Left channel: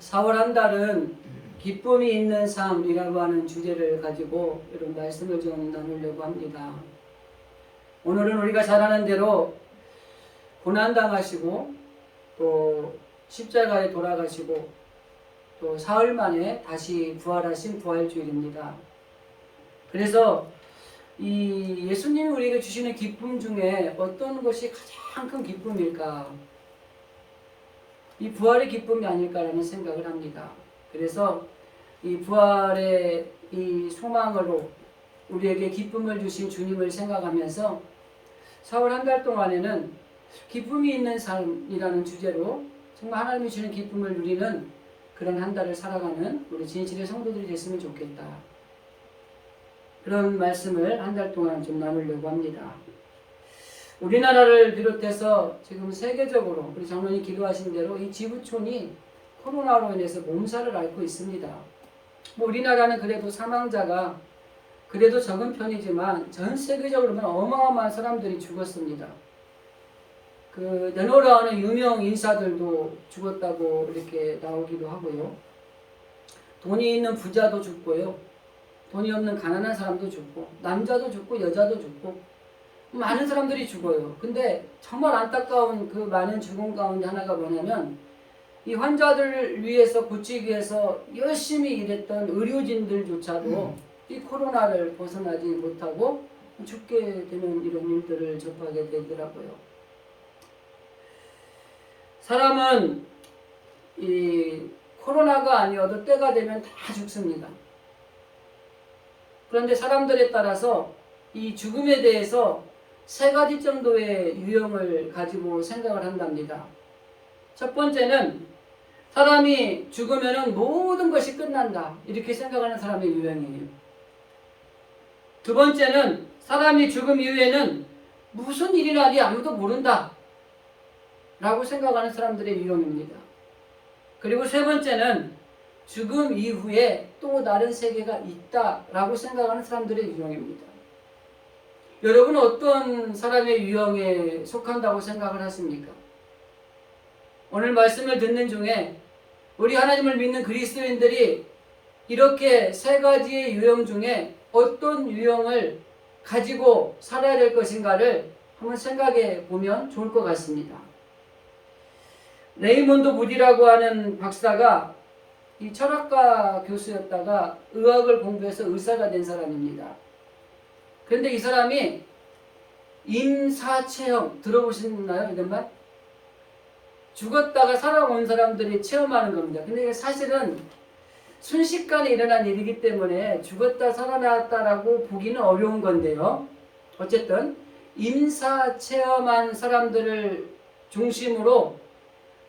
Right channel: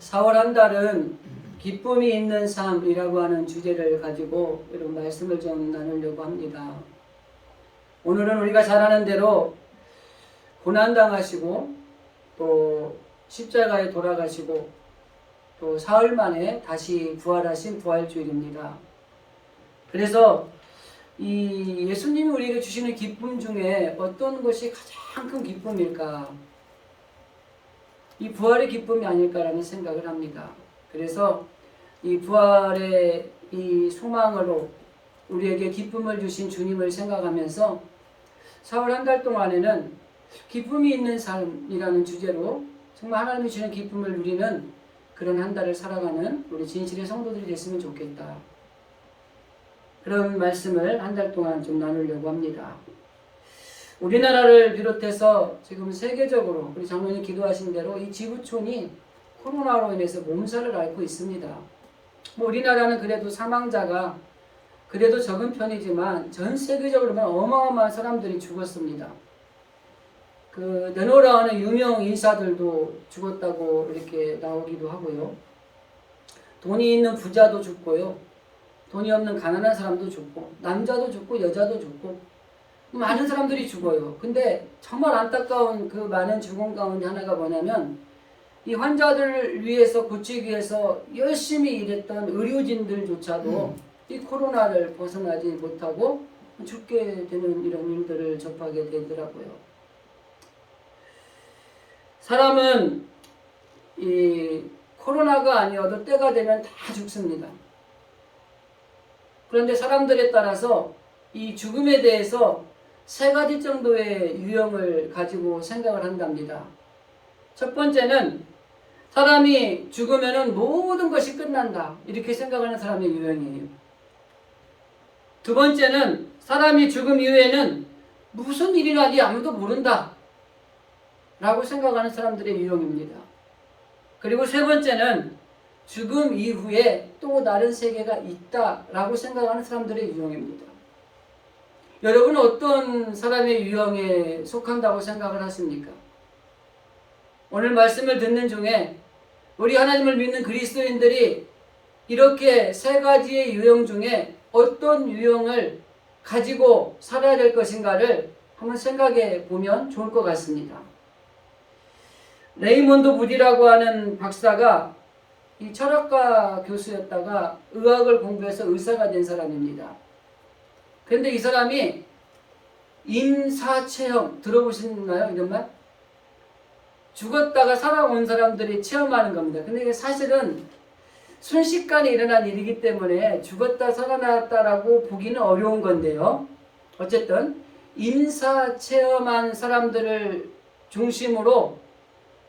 4월 한 달은 기쁨이 있는 삶이라고 하는 주제를 가지고 이런 말씀을 좀 나누려고 합니다. 오늘은 우리가 잘 아는 대로 고난당하시고 또 십자가에 돌아가시고 또 사흘 만에 다시 부활하신 부활주일입니다. 그래서 이 예수님이 우리에게 주시는 기쁨 중에 어떤 것이 가장 큰 기쁨일까? 이 부활의 기쁨이 아닐까라는 생각을 합니다. 그래서 이 부활의 이 소망으로 우리에게 기쁨을 주신 주님을 생각하면서 4월 한 달 동안에는 기쁨이 있는 삶이라는 주제로 정말 하나님이 주는 기쁨을 누리는 그런 한 달을 살아가는 우리 진실의 성도들이 됐으면 좋겠다. 그런 말씀을 한 달 동안 좀 나누려고 합니다. 우리나라를 비롯해서 지금 세계적으로 우리 장로님 기도하신 대로 이 지구촌이 코로나로 인해서 몸살을 앓고 있습니다. 뭐 우리나라는 그래도 사망자가 그래도 적은 편이지만 전 세계적으로 보면 어마어마한 사람들이 죽었습니다. 그 네노라 하는 유명 인사들도 죽었다고 이렇게 나오기도 하고요. 돈이 있는 부자도 죽고요. 돈이 없는 가난한 사람도 죽고 남자도 죽고 여자도 죽고 많은 사람들이 죽어요. 근데 정말 안타까운 그 많은 죽음 가운데 하나가 뭐냐면 이 환자들을 위해서 고치기 위해서 열심히 일했던 의료진들조차도 이 코로나를 벗어나지 못하고 죽게 되는 이런 일들을 접하게 되더라고요. 사람은 이 코로나가 아니어도 때가 되면 다 죽습니다. 그런데 사람들에 따라서 이 죽음에 대해서 세 가지 정도의 유형을 가지고 생각을 한답니다. 첫 번째는 사람이 죽으면 모든 것이 끝난다 이렇게 생각하는 사람의 유형이에요. 두 번째는 사람이 죽음 이후에는 무슨 일이 나지 아무도 모른다 라고 생각하는 사람들의 유형입니다. 그리고 세 번째는 죽음 이후에 또 다른 세계가 있다라고 생각하는 사람들의 유형입니다. 여러분은 어떤 사람의 유형에 속한다고 생각을 하십니까? 오늘 말씀을 듣는 중에 우리 하나님을 믿는 그리스도인들이 이렇게 세 가지의 유형 중에 어떤 유형을 가지고 살아야 될 것인가를 한번 생각해 보면 좋을 것 같습니다. 레이몬드 무디라고 하는 박사가 이 철학과 교수였다가 의학을 공부해서 의사가 된 사람입니다. 그런데 이 사람이 임사체험 들어보셨나요? 이런 말? 죽었다가 살아온 사람들이 체험하는 겁니다. 근데 이게 사실은 순식간에 일어난 일이기 때문에 죽었다 살아났다라고 보기는 어려운 건데요. 어쨌든 임사체험한 사람들을 중심으로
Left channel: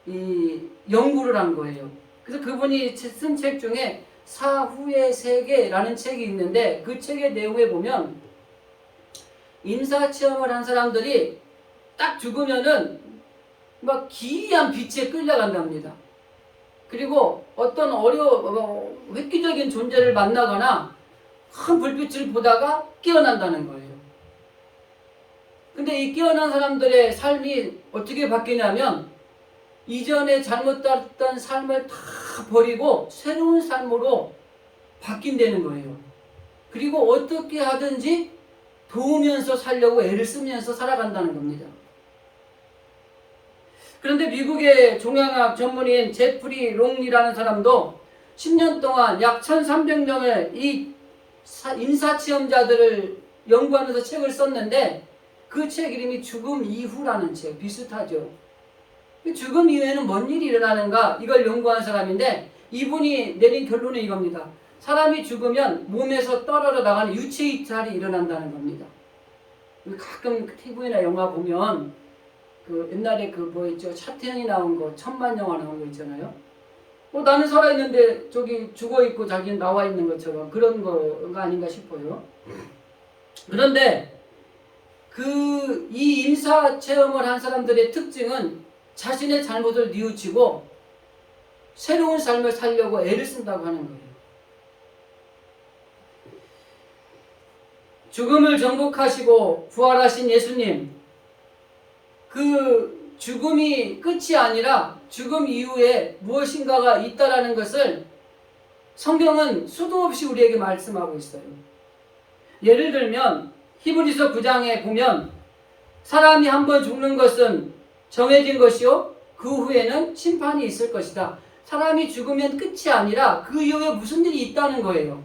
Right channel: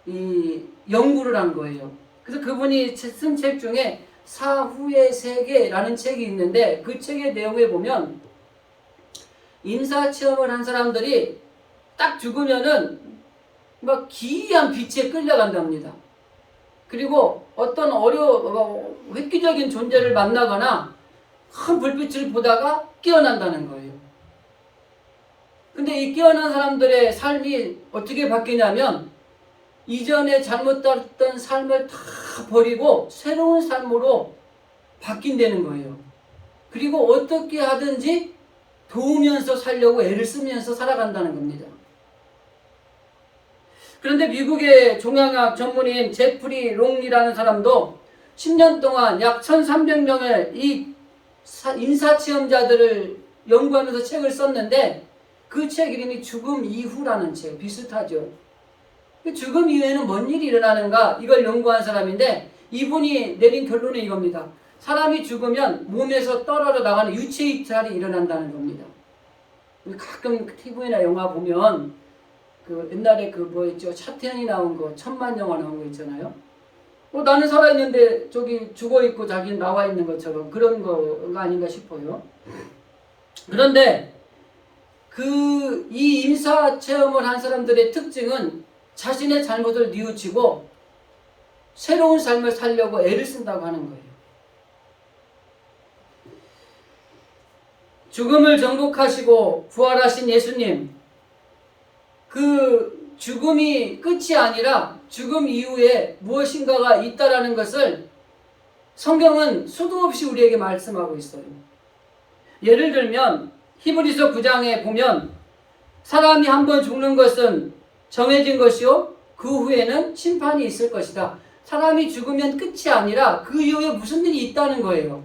이 연구를 한 거예요. 그래서 그분이 쓴 책 중에 사후의 세계라는 책이 있는데 그 책의 내용에 보면 임사체험을 한 사람들이 딱 죽으면은 막 기이한 빛에 끌려간답니다. 그리고 어떤 획기적인 존재를 만나거나 큰 불빛을 보다가 깨어난다는 거예요. 근데 이 깨어난 사람들의 삶이 어떻게 바뀌냐면 이전에 잘못했던 삶을 다 버리고 새로운 삶으로 바뀐다는 거예요. 그리고 어떻게 하든지 도우면서 살려고 애를 쓰면서 살아간다는 겁니다. 그런데 미국의 종양학 전문인 제프리 롱이라는 사람도 10년 동안 약 1300명의 이 임사체험자들을 연구하면서 책을 썼는데 그 책 이름이 죽음 이후라는 책, 비슷하죠. 죽음 이후에는 뭔 일이 일어나는가 이걸 연구한 사람인데 이분이 내린 결론은 이겁니다. 사람이 죽으면 몸에서 떨어져 나가는 유체 이탈이 일어난다는 겁니다. 가끔 TV나 영화 보면 그 옛날에 그 뭐 있죠, 차태현이 나온 거, 천만 영화 나온 거 있잖아요. 나는 살아있는데 저기 죽어있고 자기는 나와 있는 것처럼 그런 거가 아닌가 싶어요. 그런데 이 임사 체험을 한 사람들의 특징은 자신의 잘못을 뉘우치고 새로운 삶을 살려고 애를 쓴다고 하는 거예요. 죽음을 정복하시고 부활하신 예수님, 그 죽음이 끝이 아니라 죽음 이후에 무엇인가가 있다라는 것을 성경은 수도 없이 우리에게 말씀하고 있어요. 예를 들면 히브리서 9장에 보면 사람이 한번 죽는 것은 정해진 것이요 그 후에는 심판이 있을 것이다. 사람이 죽으면 끝이 아니라 그 이후에 무슨 일이 있다는 거예요.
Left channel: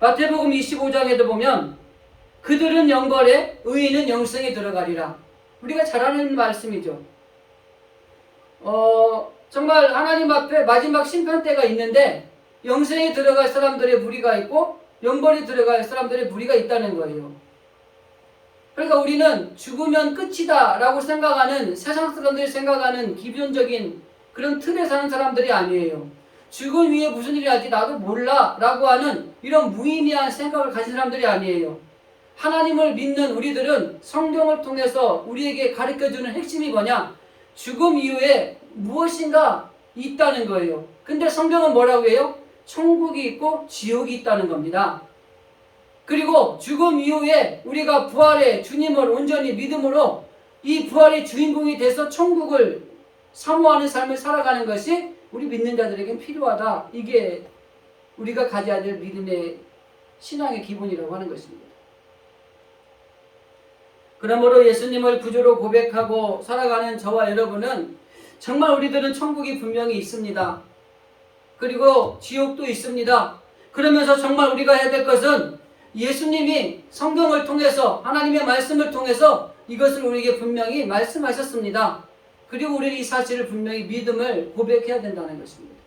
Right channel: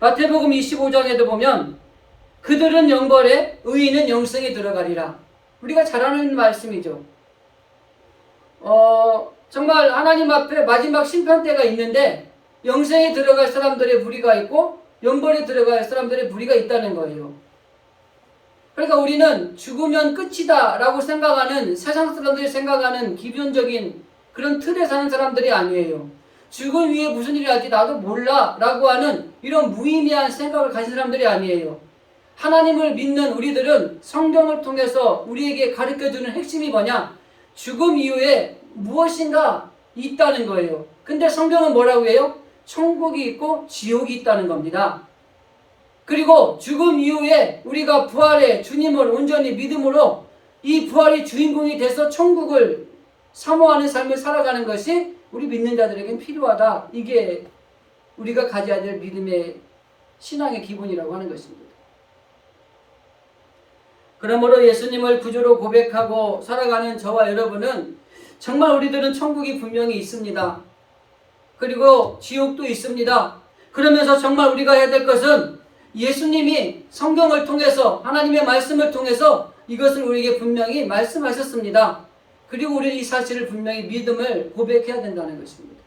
마태복음 25장에도 보면 그들은 영벌에 의인은 영생에 들어가리라. 우리가 잘 아는 말씀이죠. 정말 하나님 앞에 마지막 심판 때가 있는데 영생에 들어갈 사람들의 무리가 있고 영벌에 들어갈 사람들의 무리가 있다는 거예요. 그러니까 우리는 죽으면 끝이다 라고 생각하는 세상 사람들이 생각하는 기본적인 그런 틀에 사는 사람들이 아니에요. 죽음 위에 무슨 일이 할지 나도 몰라 라고 하는 이런 무의미한 생각을 가진 사람들이 아니에요. 하나님을 믿는 우리들은 성경을 통해서 우리에게 가르쳐주는 핵심이 뭐냐? 죽음 이후에 무엇인가 있다는 거예요. 근데 성경은 뭐라고 해요? 천국이 있고 지옥이 있다는 겁니다. 그리고 죽음 이후에 우리가 부활의 주님을 온전히 믿음으로 이 부활의 주인공이 돼서 천국을 사모하는 삶을 살아가는 것이 우리 믿는 자들에겐 필요하다. 이게 우리가 가져야 될 믿음의 신앙의 기본이라고 하는 것입니다. 그러므로 예수님을 구주로 고백하고 살아가는 저와 여러분은 정말 우리들은 천국이 분명히 있습니다. 그리고 지옥도 있습니다. 그러면서 정말 우리가 해야 될 것은 예수님이 성경을 통해서 하나님의 말씀을 통해서 이것을 우리에게 분명히 말씀하셨습니다. 그리고 우리는 이 사실을 분명히 믿음을 고백해야 된다는 것입니다.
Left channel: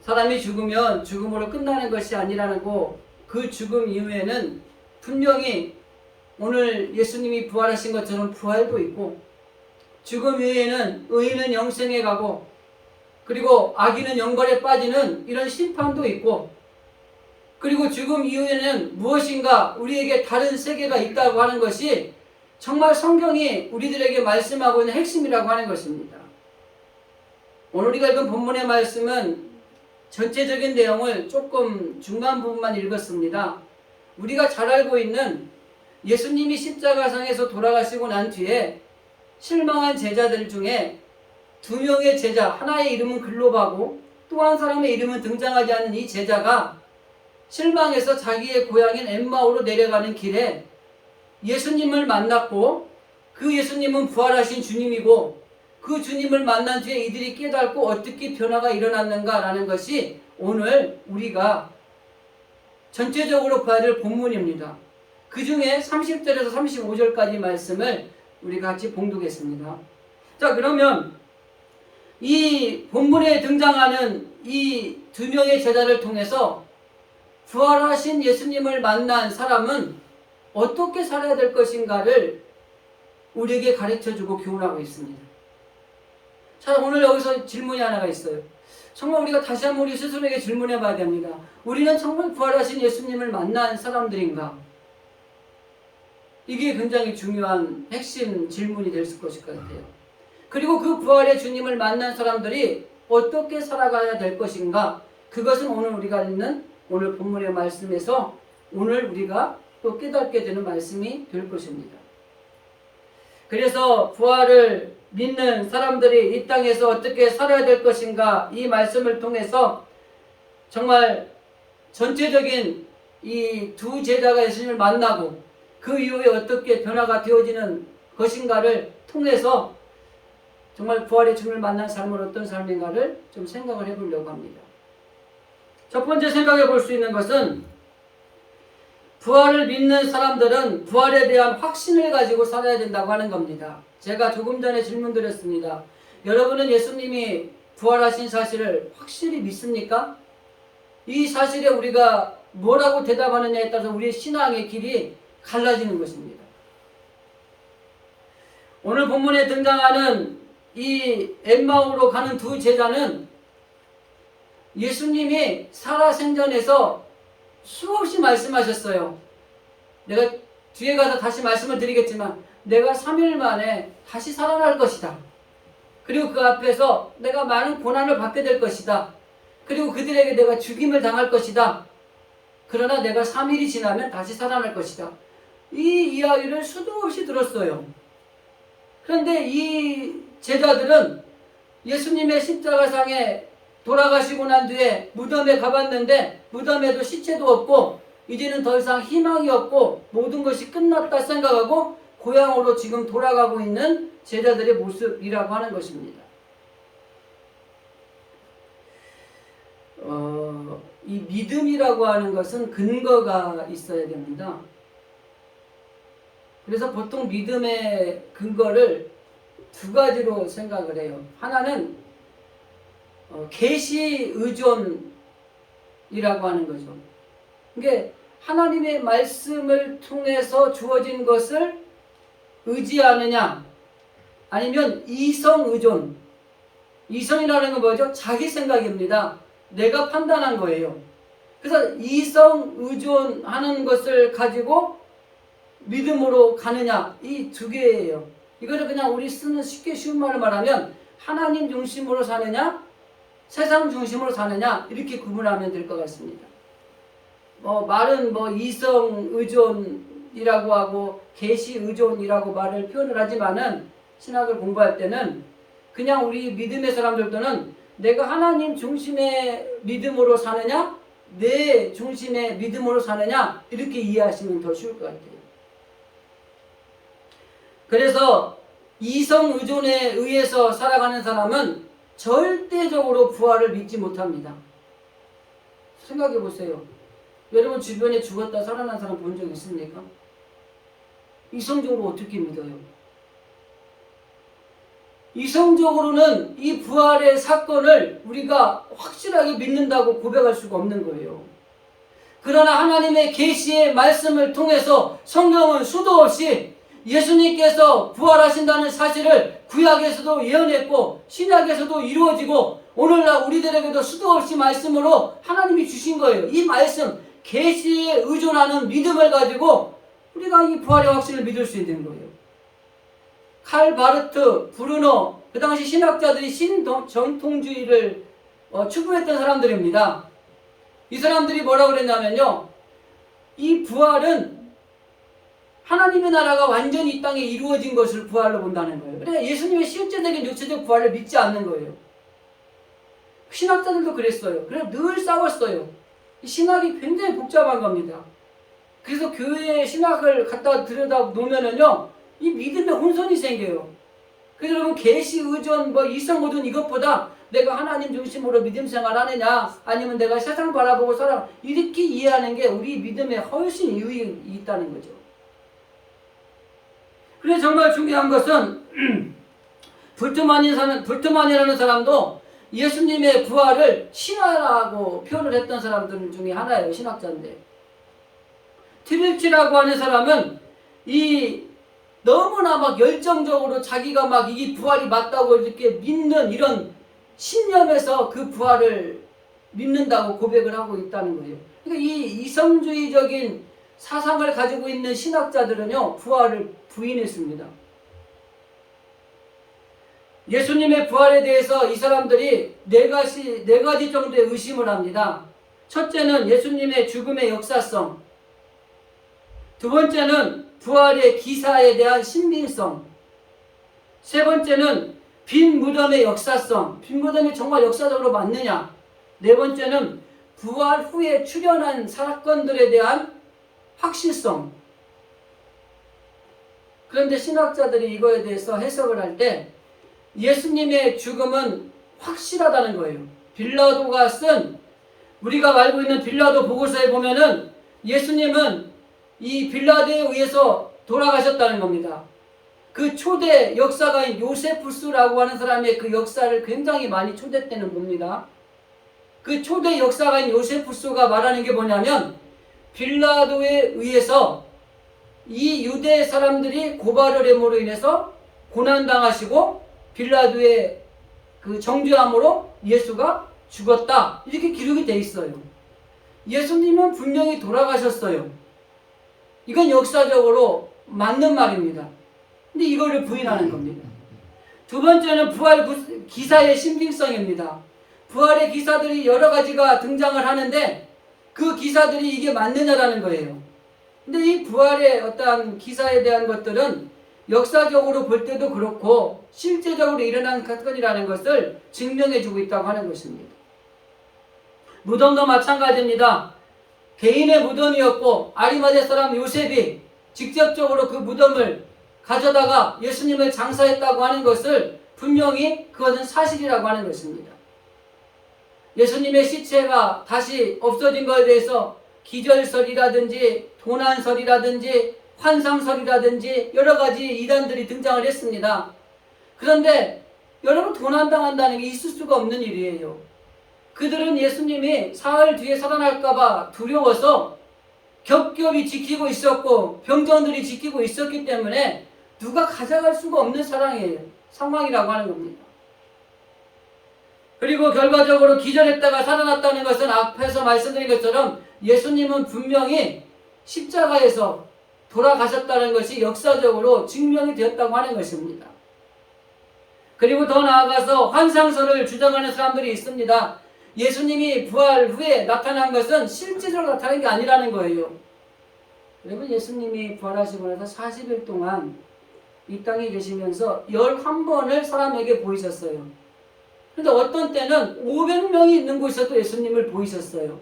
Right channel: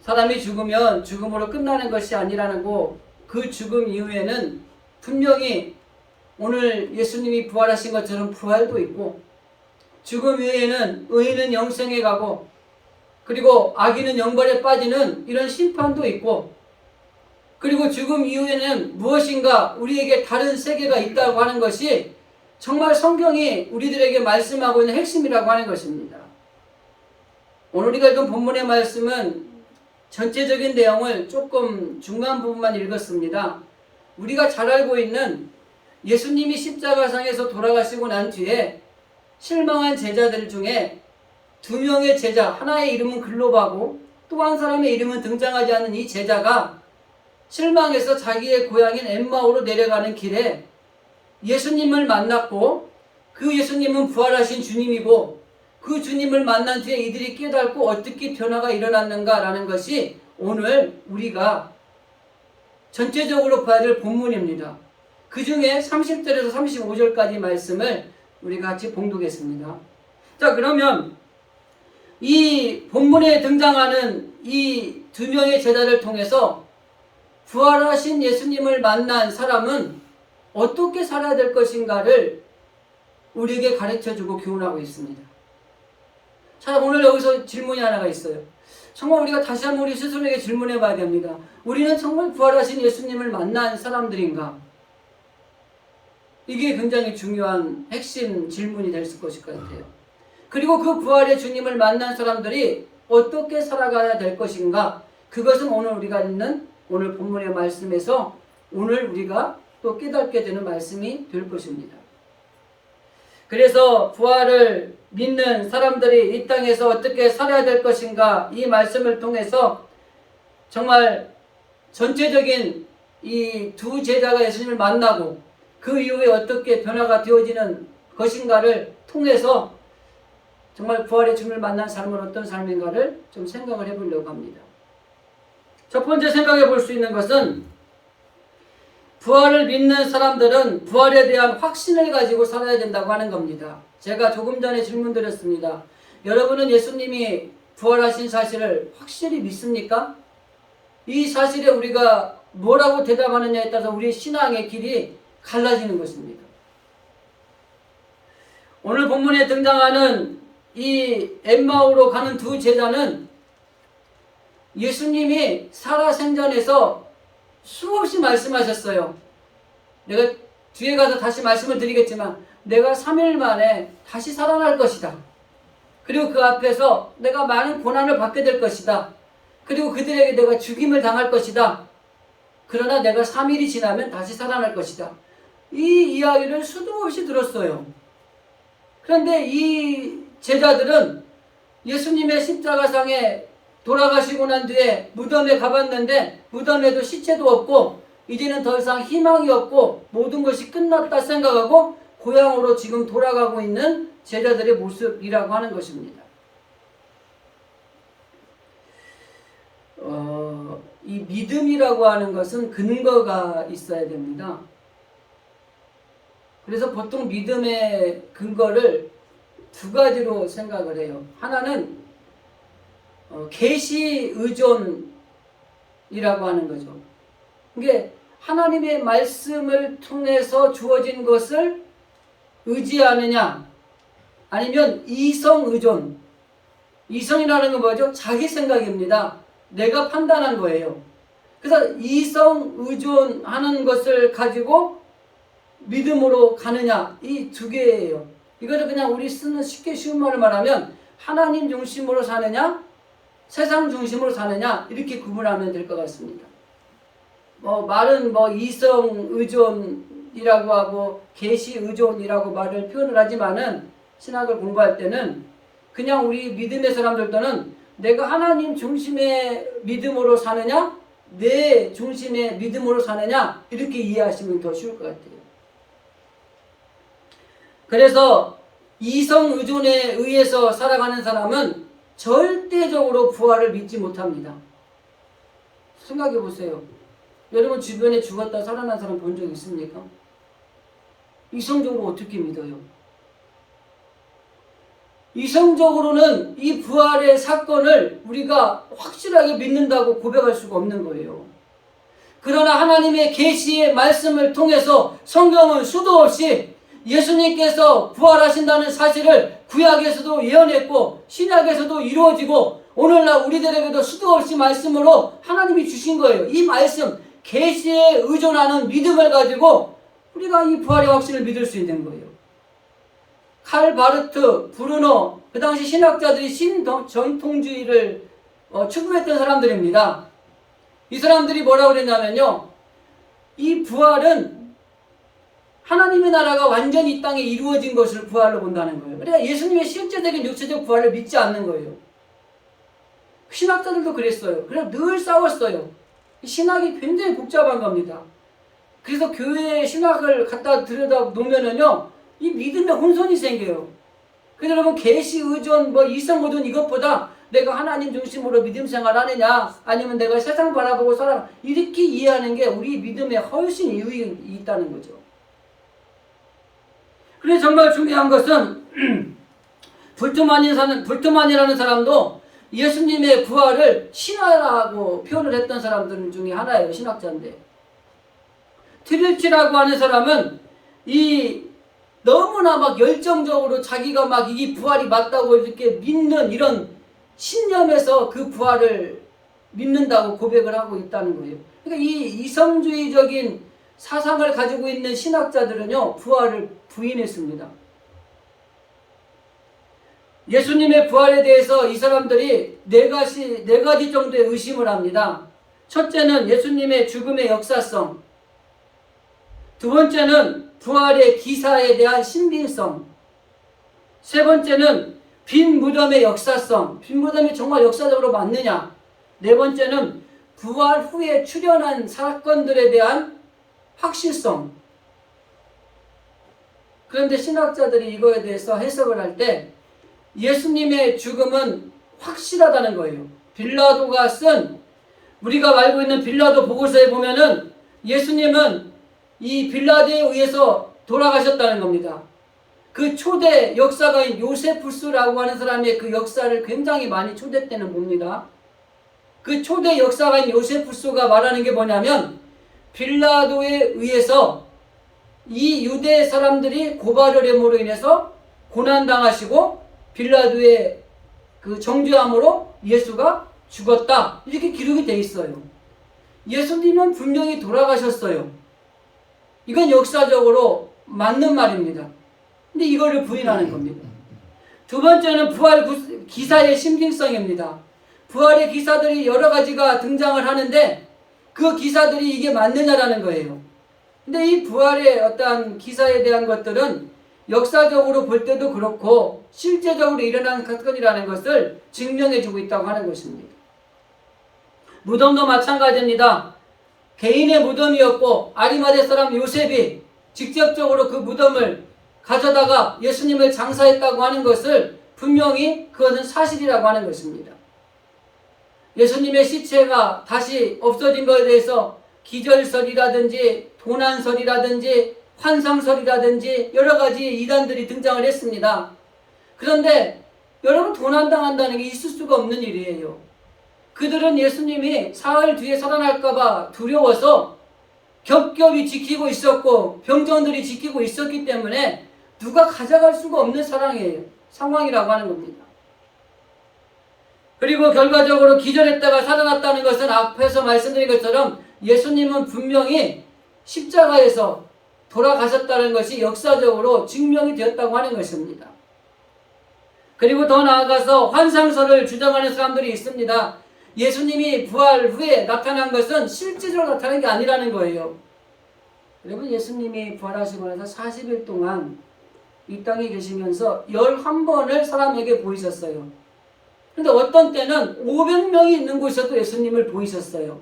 사람이 죽으면 죽음으로 끝나는 것이 아니라는 거, 그 죽음 이후에는 분명히 오늘 예수님이 부활하신 것처럼 부활도 있고 죽음 이후에는 의인은 영생에 가고 그리고 악인은 영벌에 빠지는 이런 심판도 있고 그리고 죽음 이후에는 무엇인가 우리에게 다른 세계가 있다고 하는 것이 정말 성경이 우리들에게 말씀하고 있는 핵심이라고 하는 것입니다. 오늘 우리가 읽은 본문의 말씀은 전체적인 내용을 조금 중간 부분만 읽었습니다. 우리가 잘 알고 있는 예수님이 십자가상에서 돌아가시고 난 뒤에 실망한 제자들 중에 2명의 제자, 하나의 이름은 글로바고 또 한 사람의 이름은 등장하지 않는 이 제자가 실망해서 자기의 고향인 엠마오로 내려가는 길에 예수님을 만났고 그 예수님은 부활하신 주님이고 그 주님을 만난 뒤에 이들이 깨닫고 어떻게 변화가 일어났는가라는 것이 오늘 우리가 전체적으로 봐야 될 본문입니다. 그 중에 30절에서 35절까지 말씀을 우리가 같이 봉독했습니다. 자, 그러면 이 본문에 등장하는 이 2명의 제자를 통해서 부활하신 예수님을 만난 사람은 어떻게 살아야 될 것인가를 우리에게 가르쳐주고 교훈하고 있습니다. 자, 오늘 여기서 질문이 하나가 있어요. 정말 우리가 다시 한번 우리 스스로에게 질문해 봐야 됩니다. 우리는 정말 부활하신 예수님을 만난 사람들인가? 이게 굉장히 중요한 핵심 질문이 될 것일 것 같아요. 그리고 그 부활의 주님을 만난 사람들이 어떻게 살아가야 될 것인가? 그것은 오늘 우리가 읽는 오늘 본문의 말씀에서 오늘 우리가 또 깨닫게 되는 말씀이 될 것입니다. 그래서 부활을 믿는 사람들이 이 땅에서 어떻게 살아야 될 것인가, 이 말씀을 통해서 정말 전체적인 이 2 제자가 예수님을 만나고 그 이후에 어떻게 변화가 되어지는 것인가를 통해서 정말 부활의 주님을 만난 삶은 어떤 삶인가를 좀 생각을 해보려고 합니다. 첫 번째 생각해 볼 수 있는 것은 부활을 믿는 사람들은 부활에 대한 확신을 가지고 살아야 된다고 하는 겁니다. 제가 조금 전에 질문 드렸습니다. 여러분은 예수님이 부활하신 사실을 확실히 믿습니까? 이 사실에 우리가 뭐라고 대답하느냐에 따라서 우리의 신앙의 길이 갈라지는 것입니다. 오늘 본문에 등장하는 이 엠마오로 가는 2 제자는 예수님이 살아생전에서 수없이 말씀하셨어요. 내가 뒤에 가서 다시 말씀을 드리겠지만 내가 3일 만에 다시 살아날 것이다. 그리고 그 앞에서 내가 많은 고난을 받게 될 것이다. 그리고 그들에게 내가 죽임을 당할 것이다. 그러나 내가 3일이 지나면 다시 살아날 것이다. 이 이야기를 수도 없이 들었어요. 그런데 이 제자들은 예수님의 십자가상에 돌아가시고 난 뒤에 무덤에 가봤는데 무덤에도 시체도 없고 이제는 더 이상 희망이 없고 모든 것이 끝났다 생각하고 고향으로 지금 돌아가고 있는 제자들의 모습이라고 하는 것입니다. 이 믿음이라고 하는 것은 근거가 있어야 됩니다. 그래서 보통 믿음의 근거를 두 가지로 생각을 해요. 하나는 계시 의존이라고 하는 거죠. 이게 하나님의 말씀을 통해서 주어진 것을 의지하느냐 아니면 이성 의존. 이성이라는 건 뭐죠? 자기 생각입니다. 내가 판단한 거예요. 그래서 이성 의존하는 것을 가지고 믿음으로 가느냐, 이 두 개예요. 이거를 그냥 우리 쓰는 쉽게 쉬운 말을 말하면 하나님 중심으로 사느냐 세상 중심으로 사느냐 이렇게 구분하면 될 것 같습니다. 말은 이성 의존이라고 하고 계시 의존이라고 말을 표현을 하지만은 신학을 공부할 때는 그냥 우리 믿음의 사람들도는 내가 하나님 중심의 믿음으로 사느냐 내 중심의 믿음으로 사느냐 이렇게 이해하시면 더 쉬울 것 같아요. 그래서 이성 의존에 의해서 살아가는 사람은 절대적으로 부활을 믿지 못합니다. 생각해 보세요. 여러분 주변에 죽었다 살아난 사람 본 적 있습니까? 이성적으로 어떻게 믿어요? 이성적으로는 이 부활의 사건을 우리가 확실하게 믿는다고 고백할 수가 없는 거예요. 그러나 하나님의 계시의 말씀을 통해서 성경은 수도 없이 예수님께서 부활하신다는 사실을 구약에서도 예언했고 신약에서도 이루어지고 오늘날 우리들에게도 수도 없이 말씀으로 하나님이 주신 거예요. 이 말씀 계시에 의존하는 믿음을 가지고 우리가 이 부활의 확신을 믿을 수 있는 거예요. 칼 바르트, 브루노 그 당시 신학자들이 신정통주의를 추구했던 사람들입니다. 이 사람들이 뭐라고 그랬냐면요, 이 부활은 하나님의 나라가 완전히 이 땅에 이루어진 것을 부활로 본다는 거예요. 그러니까 예수님의 실제적인 육체적 부활을 믿지 않는 거예요. 신학자들도 그랬어요. 그래서 늘 싸웠어요. 신학이 굉장히 복잡한 겁니다. 그래서 교회에 신학을 갖다 들여다 놓으면은요, 이 믿음에 혼선이 생겨요. 그래서 여러분 계시 의존, 이성 의존 이것보다 내가 하나님 중심으로 믿음 생활하느냐 아니면 내가 세상 바라보고 살아 이렇게 이해하는 게 우리 믿음에 훨씬 유익이 있다는 거죠. 그래서 정말 중요한 것은 불트만이라는 사람도 예수님의 부활을 신화라고 표현을 했던 사람들 중에 하나예요. 신학자인데 트릴치라고 하는 사람은 이 너무나 막 열정적으로 자기가 막 이 부활이 맞다고 이렇게 믿는 이런 신념에서 그 부활을 믿는다고 고백을 하고 있다는 거예요. 그러니까 이 이성주의적인 사상을 가지고 있는 신학자들은요, 부활을 부인했습니다. 예수님의 부활에 대해서 이 사람들이 네 가지 정도의 의심을 합니다. 첫째는 예수님의 죽음의 역사성. 두 번째는 부활의 기사에 대한 신빙성. 세 번째는 빈 무덤의 역사성. 빈 무덤이 정말 역사적으로 맞느냐. 네 번째는 부활 후에 출현한 사건들에 대한 확실성. 그런데 신학자들이 이거에 대해서 해석을 할 때 예수님의 죽음은 확실하다는 거예요. 빌라도가 쓴 우리가 알고 있는 빌라도 보고서에 보면은 예수님은 이 빌라도에 의해서 돌아가셨다는 겁니다. 그 초대 역사가인 요세푸스라고 하는 사람의 그 역사를 굉장히 많이 초대 때는 봅니다. 그 초대 역사가인 요세푸스가 말하는 게 뭐냐면 빌라도에 의해서 이 유대 사람들이 고발을 함으로 인해서 고난당하시고 빌라도의 그 정죄함으로 예수가 죽었다. 이렇게 기록이 돼 있어요. 예수님은 분명히 돌아가셨어요. 이건 역사적으로 맞는 말입니다. 근데 이거를 부인하는 겁니다. 두 번째는 부활 기사의 신빙성입니다. 부활의 기사들이 여러 가지가 등장을 하는데 그 기사들이 이게 맞느냐라는 거예요. 근데 이 부활의 어떠한 기사에 대한 것들은 역사적으로 볼 때도 그렇고 실제적으로 일어난 사건이라는 것을 증명해주고 있다고 하는 것입니다. 무덤도 마찬가지입니다. 개인의 무덤이었고 아리마대 사람 요셉이 직접적으로 그 무덤을 가져다가 예수님을 장사했다고 하는 것을 분명히 그것은 사실이라고 하는 것입니다. 예수님의 시체가 다시 없어진 것에 대해서 기절설이라든지 도난설이라든지 환상설이라든지 여러 가지 이단들이 등장을 했습니다. 그런데 여러분, 도난당한다는 게 있을 수가 없는 일이에요. 그들은 예수님이 사흘 뒤에 살아날까봐 두려워서 겹겹이 지키고 있었고 병정들이 지키고 있었기 때문에 누가 가져갈 수가 없는 상황이라고 하는 겁니다. 그리고 결과적으로 기절했다가 살아났다는 것은 앞에서 말씀드린 것처럼 예수님은 분명히 십자가에서 돌아가셨다는 것이 역사적으로 증명이 되었다고 하는 것입니다. 그리고 더 나아가서 환상설을 주장하는 사람들이 있습니다. 예수님이 부활 후에 나타난 것은 실제적으로 나타난 게 아니라는 거예요. 여러분, 예수님이 부활하시고 나서 40일 동안 이 땅에 계시면서 11번을 사람에게 보이셨어요. 그런데 어떤 때는 500명이 있는 곳에서도 예수님을 보이셨어요.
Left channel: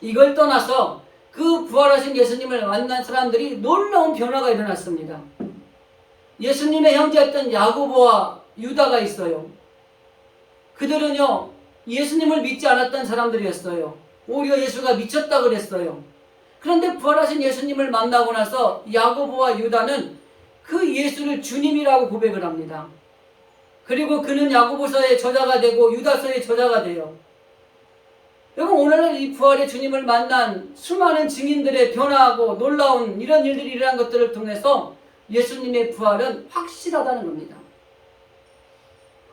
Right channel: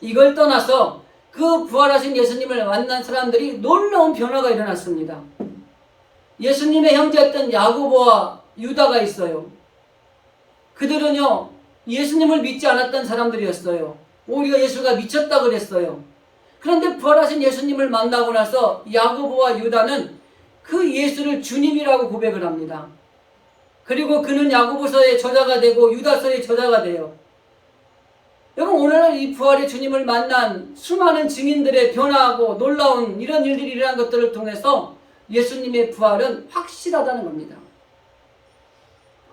이걸 떠나서 그 부활하신 예수님을 만난 사람들이 놀라운 변화가 일어났습니다. 예수님의 형제였던 야고보와 유다가 있어요. 그들은요, 예수님을 믿지 않았던 사람들이었어요. 오히려 예수가 미쳤다 그랬어요. 그런데 부활하신 예수님을 만나고 나서 야고보와 유다는 그 예수를 주님이라고 고백을 합니다. 그리고 그는 야고보서의 저자가 되고 유다서의 저자가 돼요. 여러분, 오늘날 이 부활의 주님을 만난 수많은 증인들의 변화하고 놀라운 이런 일들이 일어난 것들을 통해서 예수님의 부활은 확실하다는 겁니다.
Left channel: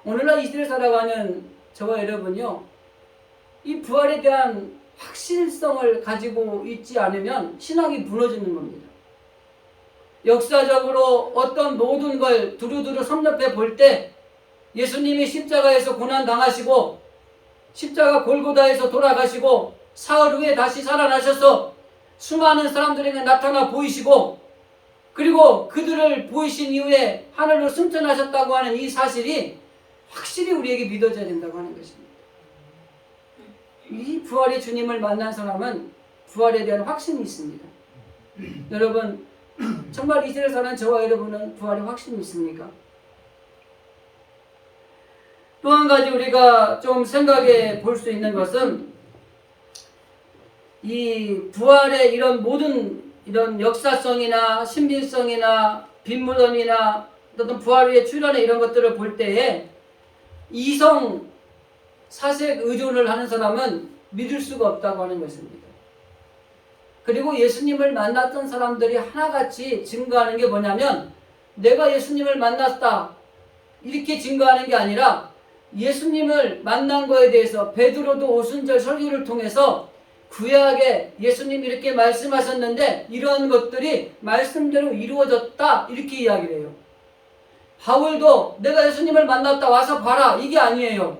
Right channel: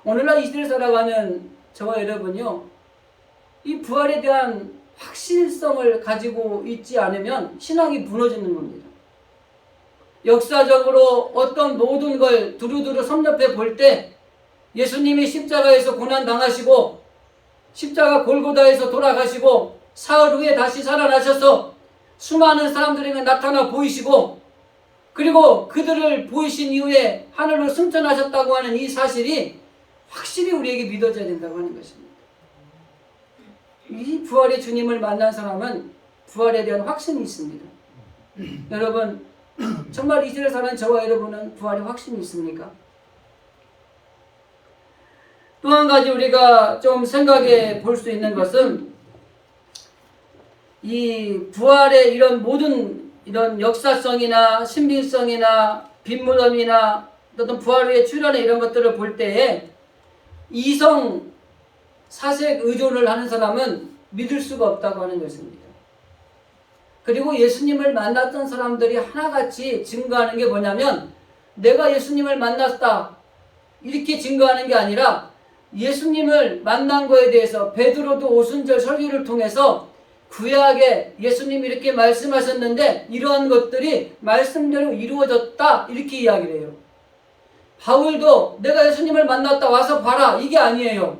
오늘날 이 시대를 살아가는 저와 여러분요, 이 부활에 대한 확실성을 가지고 있지 않으면 신앙이 무너지는 겁니다. 역사적으로 어떤 모든 걸 두루두루 섭렵해 볼 때 예수님이 십자가에서 고난당하시고 십자가 골고다에서 돌아가시고 사흘 후에 다시 살아나셔서 수많은 사람들에게 나타나 보이시고 그리고 그들을 보이신 이후에 하늘로 승천하셨다고 하는 이 사실이 확실히 우리에게 믿어져야 된다고 하는 것입니다. 이 부활의 주님을 만난 사람은 부활에 대한 확신이 있습니다. 여러분, 정말 이 시대를 사는 저와 여러분은 부활의 확신이 있습니까? 또 한 가지 우리가 좀 생각해 볼 수 있는 것은 이 부활의 이런 모든 이런 역사성이나 신비성이나 빈무덤이나 어떤 부활 후의 출현의 이런 것들을 볼 때에 이성 사색 의존을 하는 사람은 믿을 수가 없다고 하는 것입니다. 그리고 예수님을 만났던 사람들이 하나같이 증거하는 게 뭐냐면 내가 예수님을 만났다 이렇게 증거하는 게 아니라 예수님을 만난 거에 대해서 베드로도 오순절 설교를 통해서 구약에 예수님이 이렇게 말씀하셨는데 이러한 것들이 말씀대로 이루어졌다 이렇게 이야기를 해요. 바울도 내가 예수님을 만났다 와서 봐라 이게 아니에요.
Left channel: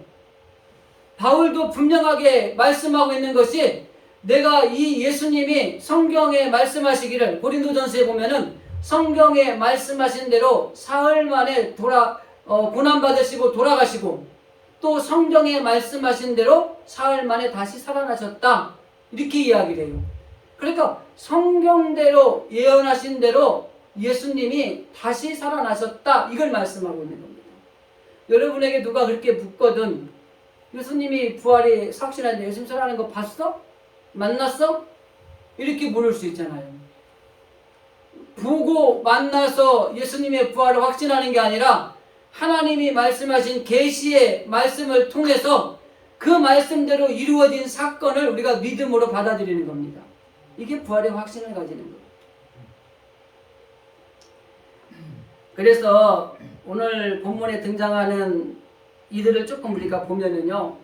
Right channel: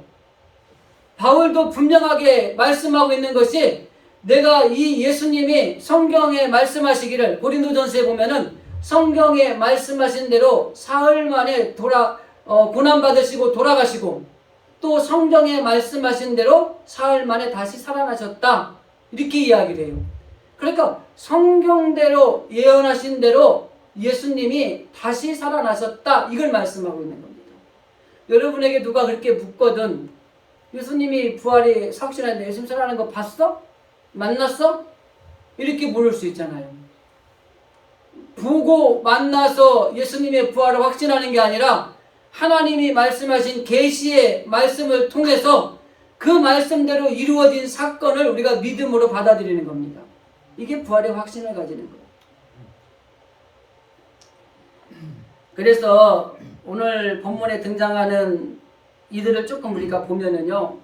바울도 분명하게 말씀하고 있는 것이 내가 이 예수님이 성경에 말씀하시기를 고린도전서에 보면은 성경에 말씀하신 대로 사흘 만에 고난받으시고 돌아가시고 또 성경에 말씀하신 대로 사흘 만에 다시 살아나셨다 이렇게 이야기를 해요. 그러니까 성경대로 예언하신 대로 예수님이 다시 살아나셨다 이걸 말씀하고 있는 겁니다. 여러분에게 누가 그렇게 묻거든 예수님이 부활이 확실한데 예수님 살아나는 거 봤어? 만났어? 이렇게 물을 수 있잖아요. 보고 만나서 예수님의 부활을 확신하는 게 아니라 하나님이 말씀하신 계시의 말씀을 통해서 그 말씀대로 이루어진 사건을 우리가 믿음으로 받아들이는 겁니다. 이게 부활의 확신을 가지는 거예요. 그래서 오늘 본문에 등장하는 이들을 조금 우리가 보면은요,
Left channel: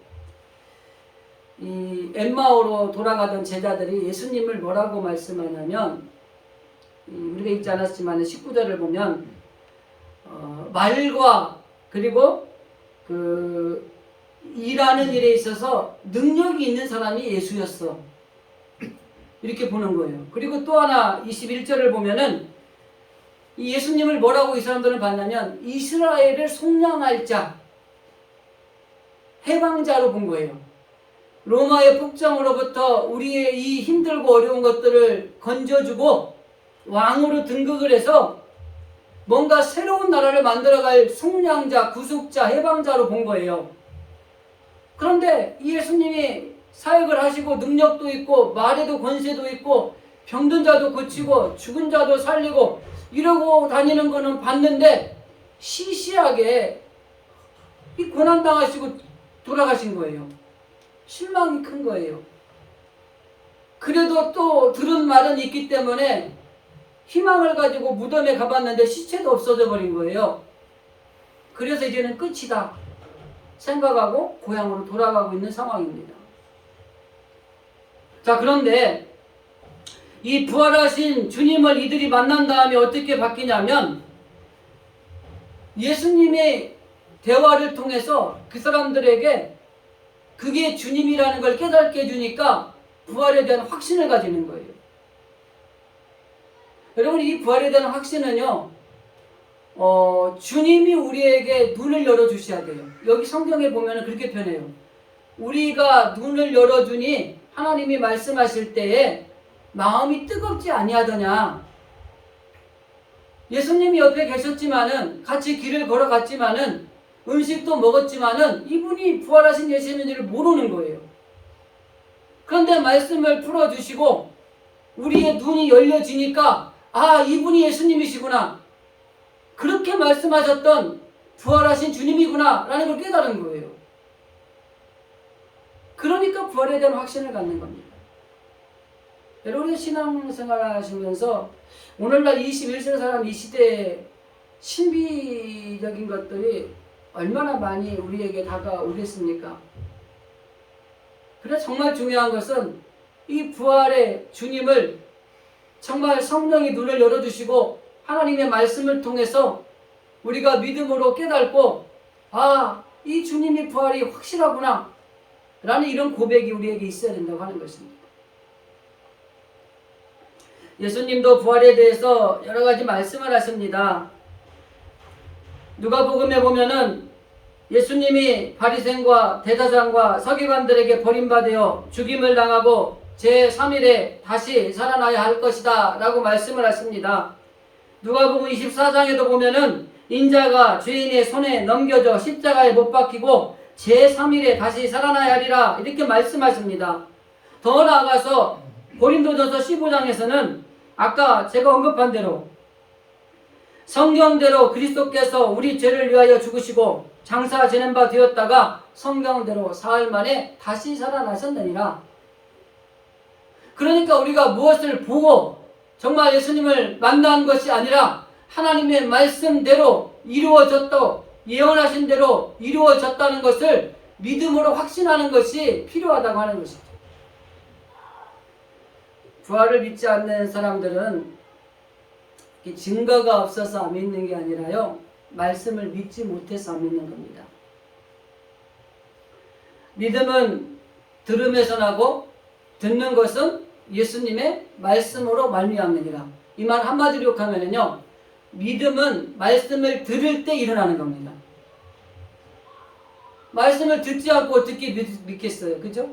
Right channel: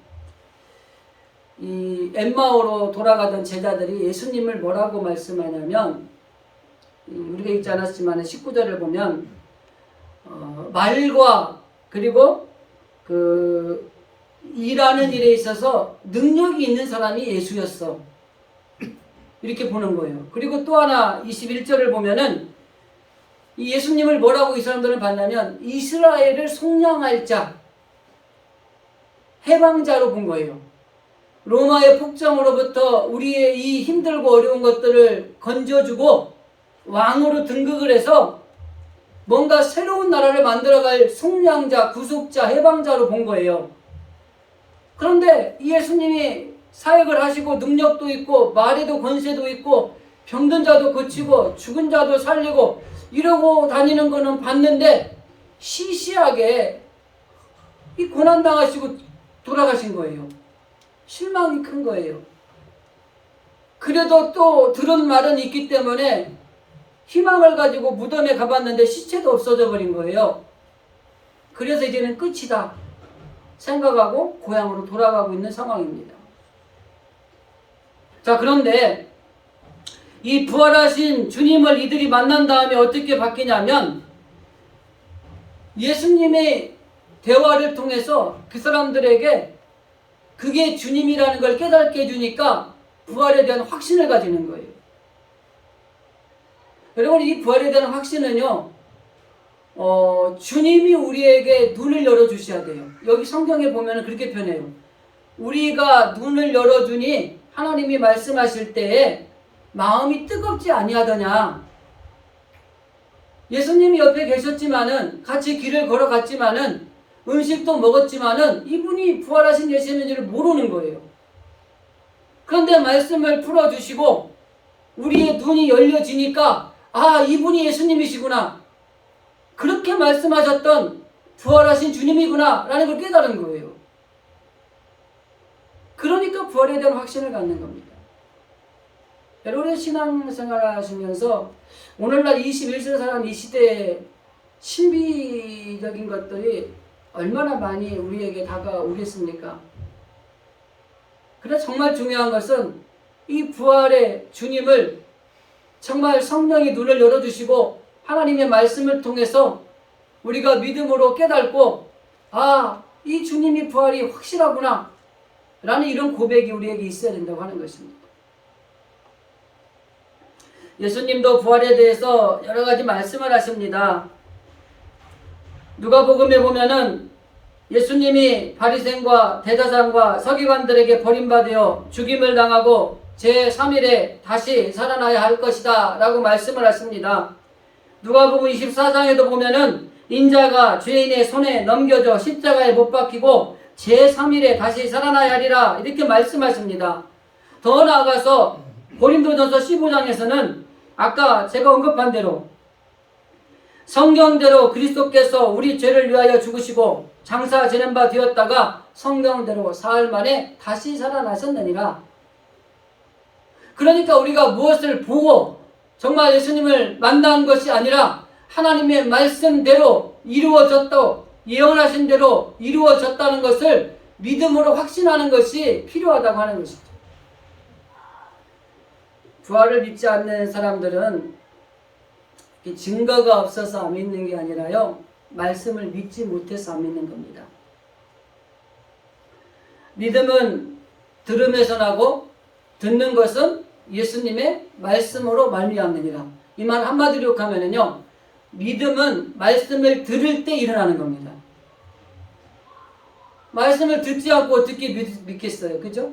이 엠마오로 돌아가던 제자들이 예수님을 뭐라고 말씀하냐면 우리가 읽지 않았지만 19절을 보면 말과 그리고 그 일하는 일에 있어서 능력이 있는 사람이 예수였어. 이렇게 보는 거예요. 그리고 또 하나 21절을 보면은 이 예수님을 뭐라고 이 사람들은 봤냐면 이스라엘을 속량할 자, 해방자로 본 거예요. 로마의 폭정으로부터 우리의 이 힘들고 어려운 것들을 건져주고 왕으로 등극을 해서 뭔가 새로운 나라를 만들어갈 속량자, 구속자, 해방자로 본 거예요. 그런데 이 예수님이 사역을 하시고 능력도 있고 말에도 권세도 있고 병든 자도 고치고 죽은 자도 살리고 이러고 다니는 거는 봤는데 시시하게 이 고난당하시고 돌아가신 거예요. 실망이 큰 거예요. 그래도 또 들은 말은 있기 때문에 희망을 가지고 무덤에 가봤는데 시체도 없어져 버린 거예요. 그래서 이제는 끝이다 생각하고 고향으로 돌아가고 있는 상황입니다. 자, 그런데 이 부활하신 주님을 이들이 만난 다음에 어떻게 바뀌냐면 예수님의 대화를 통해서 그 사람들에게 그게 주님이라는 걸 깨닫게 해주니까 부활에 대한 확신을 가지는 거예요. 여러분, 이 부활에 대한 확신은요, 주님이 우리에게 눈을 열어주셔야 돼요. 여기 성경에 보면 그렇게 표현해요. 우리가 눈을 열어주니 하나님이 말씀하실 때에 마음이 뜨겁지 아니하더냐. 예수님이 옆에 계셨지만은 같이 길을 걸어갔지만은 음식도 먹었지만은 이분이 부활하신 예수님인지를 모르는 거예요. 그런데 말씀을 풀어주시고 우리의 눈이 열려지니까 아, 이분이 예수님이시구나. 그렇게 말씀하셨던 부활하신 주님이구나 라는 걸 깨달은 거예요. 그러니까 부활에 대한 확신을 갖는 겁니다. 여러분의 신앙생활 하시면서 오늘날 21세기 사람 이 시대의 신비적인 것들이 얼마나 많이 우리에게 다가오겠습니까? 그래서 정말 중요한 것은 이 부활의 주님을 정말 성령이 눈을 열어주시고 하나님의 말씀을 통해서 우리가 믿음으로 깨닫고 아, 이 주님이 부활이 확실하구나 라는 이런 고백이 우리에게 있어야 된다고 하는 것입니다. 예수님도 부활에 대해서 여러 가지 말씀을 하십니다. 누가복음에 보면은 예수님이 바리새인과 대제사장과 서기관들에게 버림받아 죽임을 당하고 제3일에 다시 살아나야 할 것이다 라고 말씀을 하십니다. 누가복음 24장에도 보면은 인자가 죄인의 손에 넘겨져 십자가에 못 박히고 제3일에 다시 살아나야 하리라 이렇게 말씀하십니다. 더 나아가서 고린도전서 15장에서는 아까 제가 언급한 대로 성경대로 그리스도께서 우리 죄를 위하여 죽으시고 장사 지낸 바 되었다가 성경대로 사흘 만에 다시 살아나셨느니라. 그러니까 우리가 무엇을 보고 정말 예수님을 만난 것이 아니라 하나님의 말씀대로 이루어졌다고 예언하신 대로 이루어졌다는 것을 믿음으로 확신하는 것이 필요하다고 하는 것이죠. 부활을 믿지 않는 사람들은 증거가 없어서 안 믿는 게 아니라요, 말씀을 믿지 못해서 안 믿는 겁니다. 믿음은 들음에서 나고 듣는 것은 예수님의 말씀으로 말미암느니라. 이 말 한마디로 욕하면은요, 믿음은 말씀을 들을 때 일어나는 겁니다. 말씀을 듣지 않고 어떻게 믿겠어요? 그죠?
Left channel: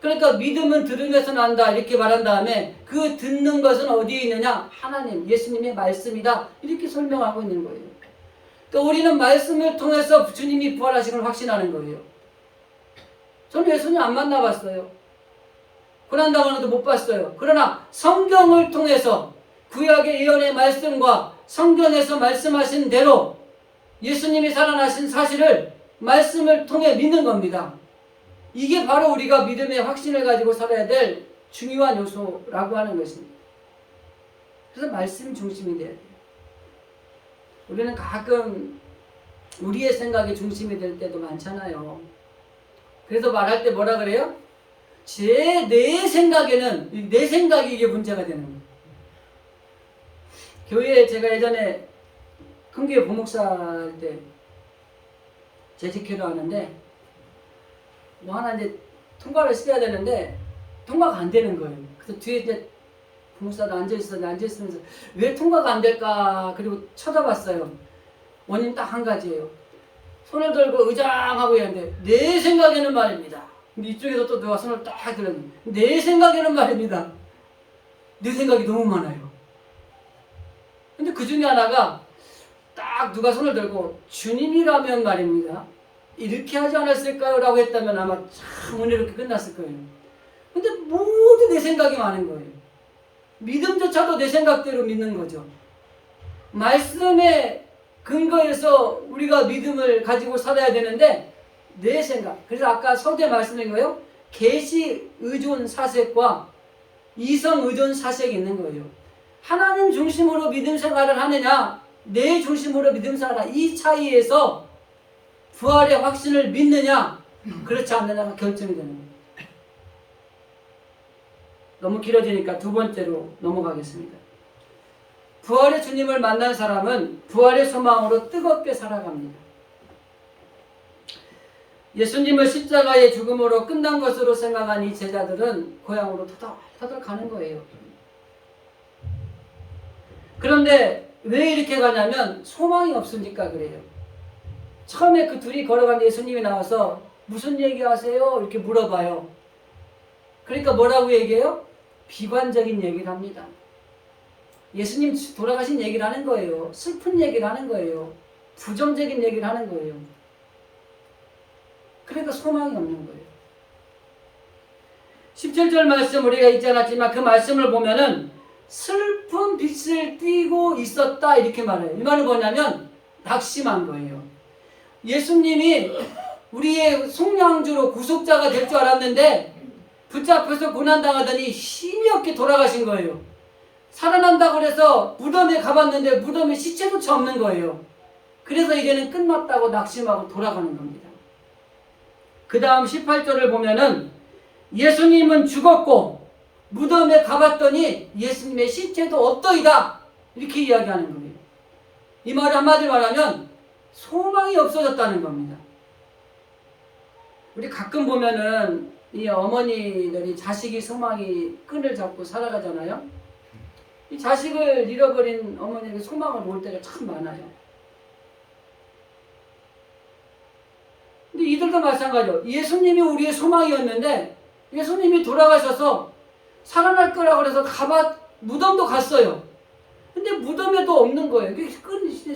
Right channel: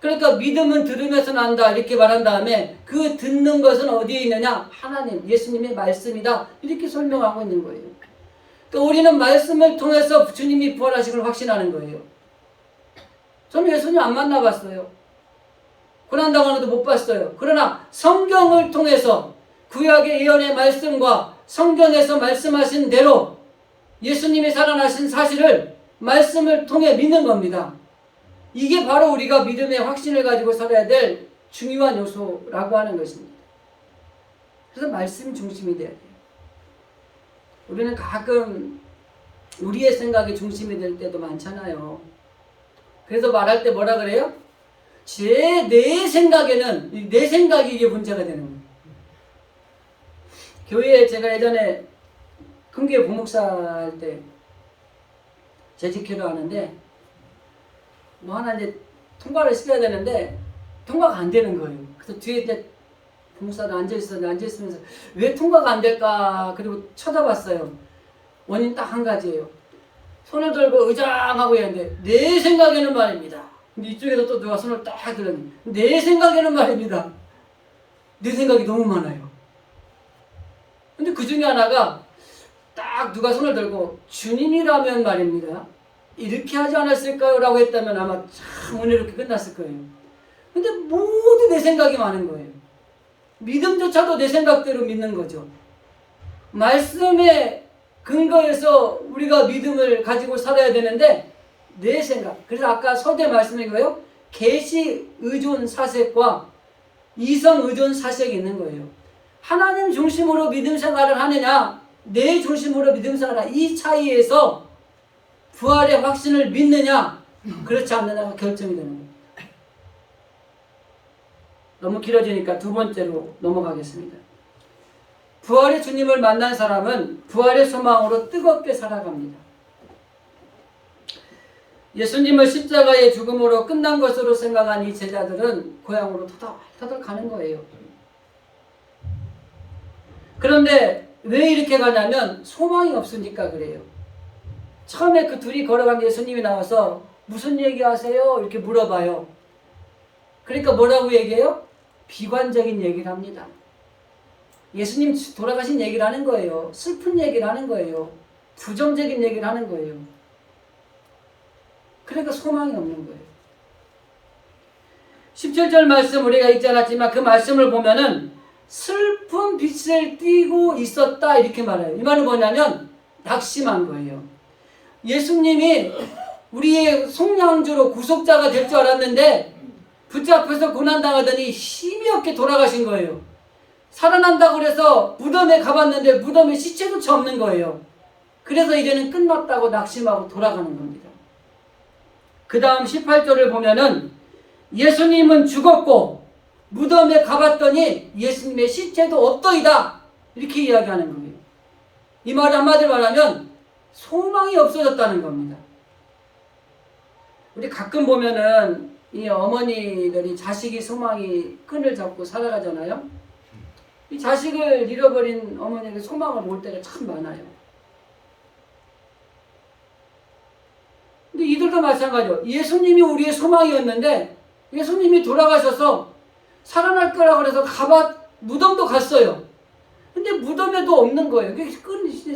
그러니까 믿음은 들으면서 난다 이렇게 말한 다음에 그 듣는 것은 어디에 있느냐? 하나님, 예수님의 말씀이다 이렇게 설명하고 있는 거예요. 그러니까 우리는 말씀을 통해서 주님이 부활하신 걸 확신하는 거예요. 저는 예수님 안 만나봤어요. 고난당하는 것도 못 봤어요. 그러나 성경을 통해서 구약의 예언의 말씀과 성경에서 말씀하신 대로 예수님이 살아나신 사실을 말씀을 통해 믿는 겁니다. 이게 바로 우리가 믿음의 확신을 가지고 살아야 될 중요한 요소라고 하는 것입니다. 그래서 말씀 중심이 돼야 돼요. 우리는 가끔 우리의 생각이 중심이 될 때도 많잖아요. 그래서 말할 때 뭐라 그래요? 내 생각에는 내 생각이 이게 문제가 되는 거예요. 교회에 제가 예전에 큰교회 부목사 할 때 재직회도 하는데 뭐 하나 이제 통과를 시켜야 되는데 통과가 안 되는 거예요. 그래서 뒤에 이제 부목사도 앉아있으면서 왜 통과가 안 될까? 그리고 쳐다봤어요. 원인 딱 한 가지예요. 손을 들고 의장하고 있는데 내 생각에는 말입니다. 근데 이쪽에서 또 누가 손을 딱 들었니? 내 생각에는 말입니다. 내 생각이 너무 많아요. 근데 그 중에 하나가 딱 누가 손을 들고 주님이라면 말입니다. 이렇게 하지 않았을까요? 라고 했다면 아마 참 은혜롭게 끝났을 거예요. 근데 모두 내 생각이 많은 거예요. 믿음조차도 내 생각대로 믿는 거죠. 말씀에 근거해서 우리가 믿음을 가지고 살아야 되는데 내 생각. 그래서 아까 서두에 말씀드린 거예요. 계시 의존 사색과 이성 의존 사색이 있는 거예요. 하나님 중심으로 믿음 생활을 하느냐, 내 중심으로 믿음 생활을 하느냐, 이 차이에서 부활의 확신을 믿느냐, 그렇지 않느냐가 결정이 되는 겁니다. 너무 길어지니까 두 번째로 넘어가겠습니다. 부활의 주님을 만난 사람은 부활의 소망으로 뜨겁게 살아갑니다. 예수님을 십자가의 죽음으로 끝난 것으로 생각한 이 제자들은 고향으로 터덜터덜 가는 거예요. 그런데 왜 이렇게 가냐면 소망이 없으니까 그래요. 처음에 그 둘이 걸어가는데 예수님이 나와서 무슨 얘기하세요? 이렇게 물어봐요. 그러니까 뭐라고 얘기해요? 비관적인 얘기를 합니다. 예수님 돌아가신 얘기를 하는 거예요. 슬픈 얘기를 하는 거예요. 부정적인 얘기를 하는 거예요. 그러니까 소망이 없는 거예요. 17절 말씀 우리가 읽지 않았지만 그 말씀을 보면은 슬픈 빛을 띠고 있었다 이렇게 말해요. 이 말은 뭐냐면 낙심한 거예요. 예수님이 우리의 속량주로 구속자가 될 줄 알았는데 붙잡혀서 고난당하더니 힘이 없게 돌아가신 거예요. 살아난다고 그래서 무덤에 가봤는데 무덤에 시체조차 없는 거예요. 그래서 이제는 끝났다고 낙심하고 돌아가는 겁니다. 그 다음 18절을 보면은 예수님은 죽었고 무덤에 가봤더니 예수님의 시체도 없더이다 이렇게 이야기하는 거예요. 이 말을 한마디로 말하면 소망이 없어졌다는 겁니다. 우리 가끔 보면은 이 어머니들이 자식이 소망이 끈을 잡고 살아가잖아요. 이 자식을 잃어버린 어머니에게 소망을 볼 때가 참 많아요. 근데 이들도 마찬가지죠. 예수님이 우리의 소망이었는데 예수님이 돌아가셔서 살아날 거라고 그래서 무덤도 갔어요. 근데 무덤에도 없는 거예요.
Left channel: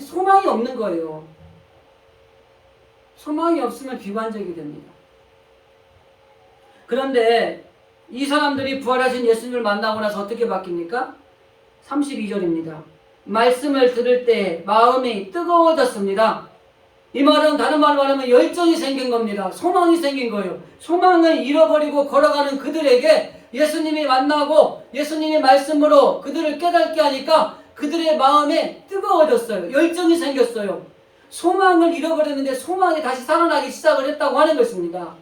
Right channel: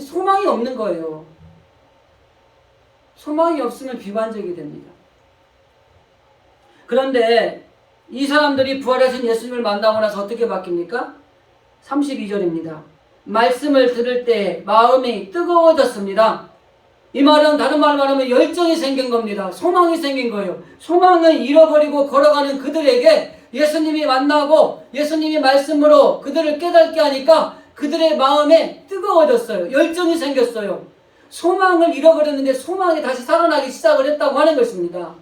소망이 없는 거예요. 소망이 없으면 비관적이 됩니다. 그런데 이 사람들이 부활하신 예수님을 만나고 나서 어떻게 바뀝니까? 32절입니다. 말씀을 들을 때 마음이 뜨거워졌습니다. 이 말은 다른 말로 말하면 열정이 생긴 겁니다. 소망이 생긴 거예요. 소망을 잃어버리고 걸어가는 그들에게 예수님이 만나고 예수님이 말씀으로 그들을 깨닫게 하니까 그들의 마음에 뜨거워졌어요. 열정이 생겼어요. 소망을 잃어버렸는데 소망이 다시 살아나기 시작을 했다고 하는 것입니다.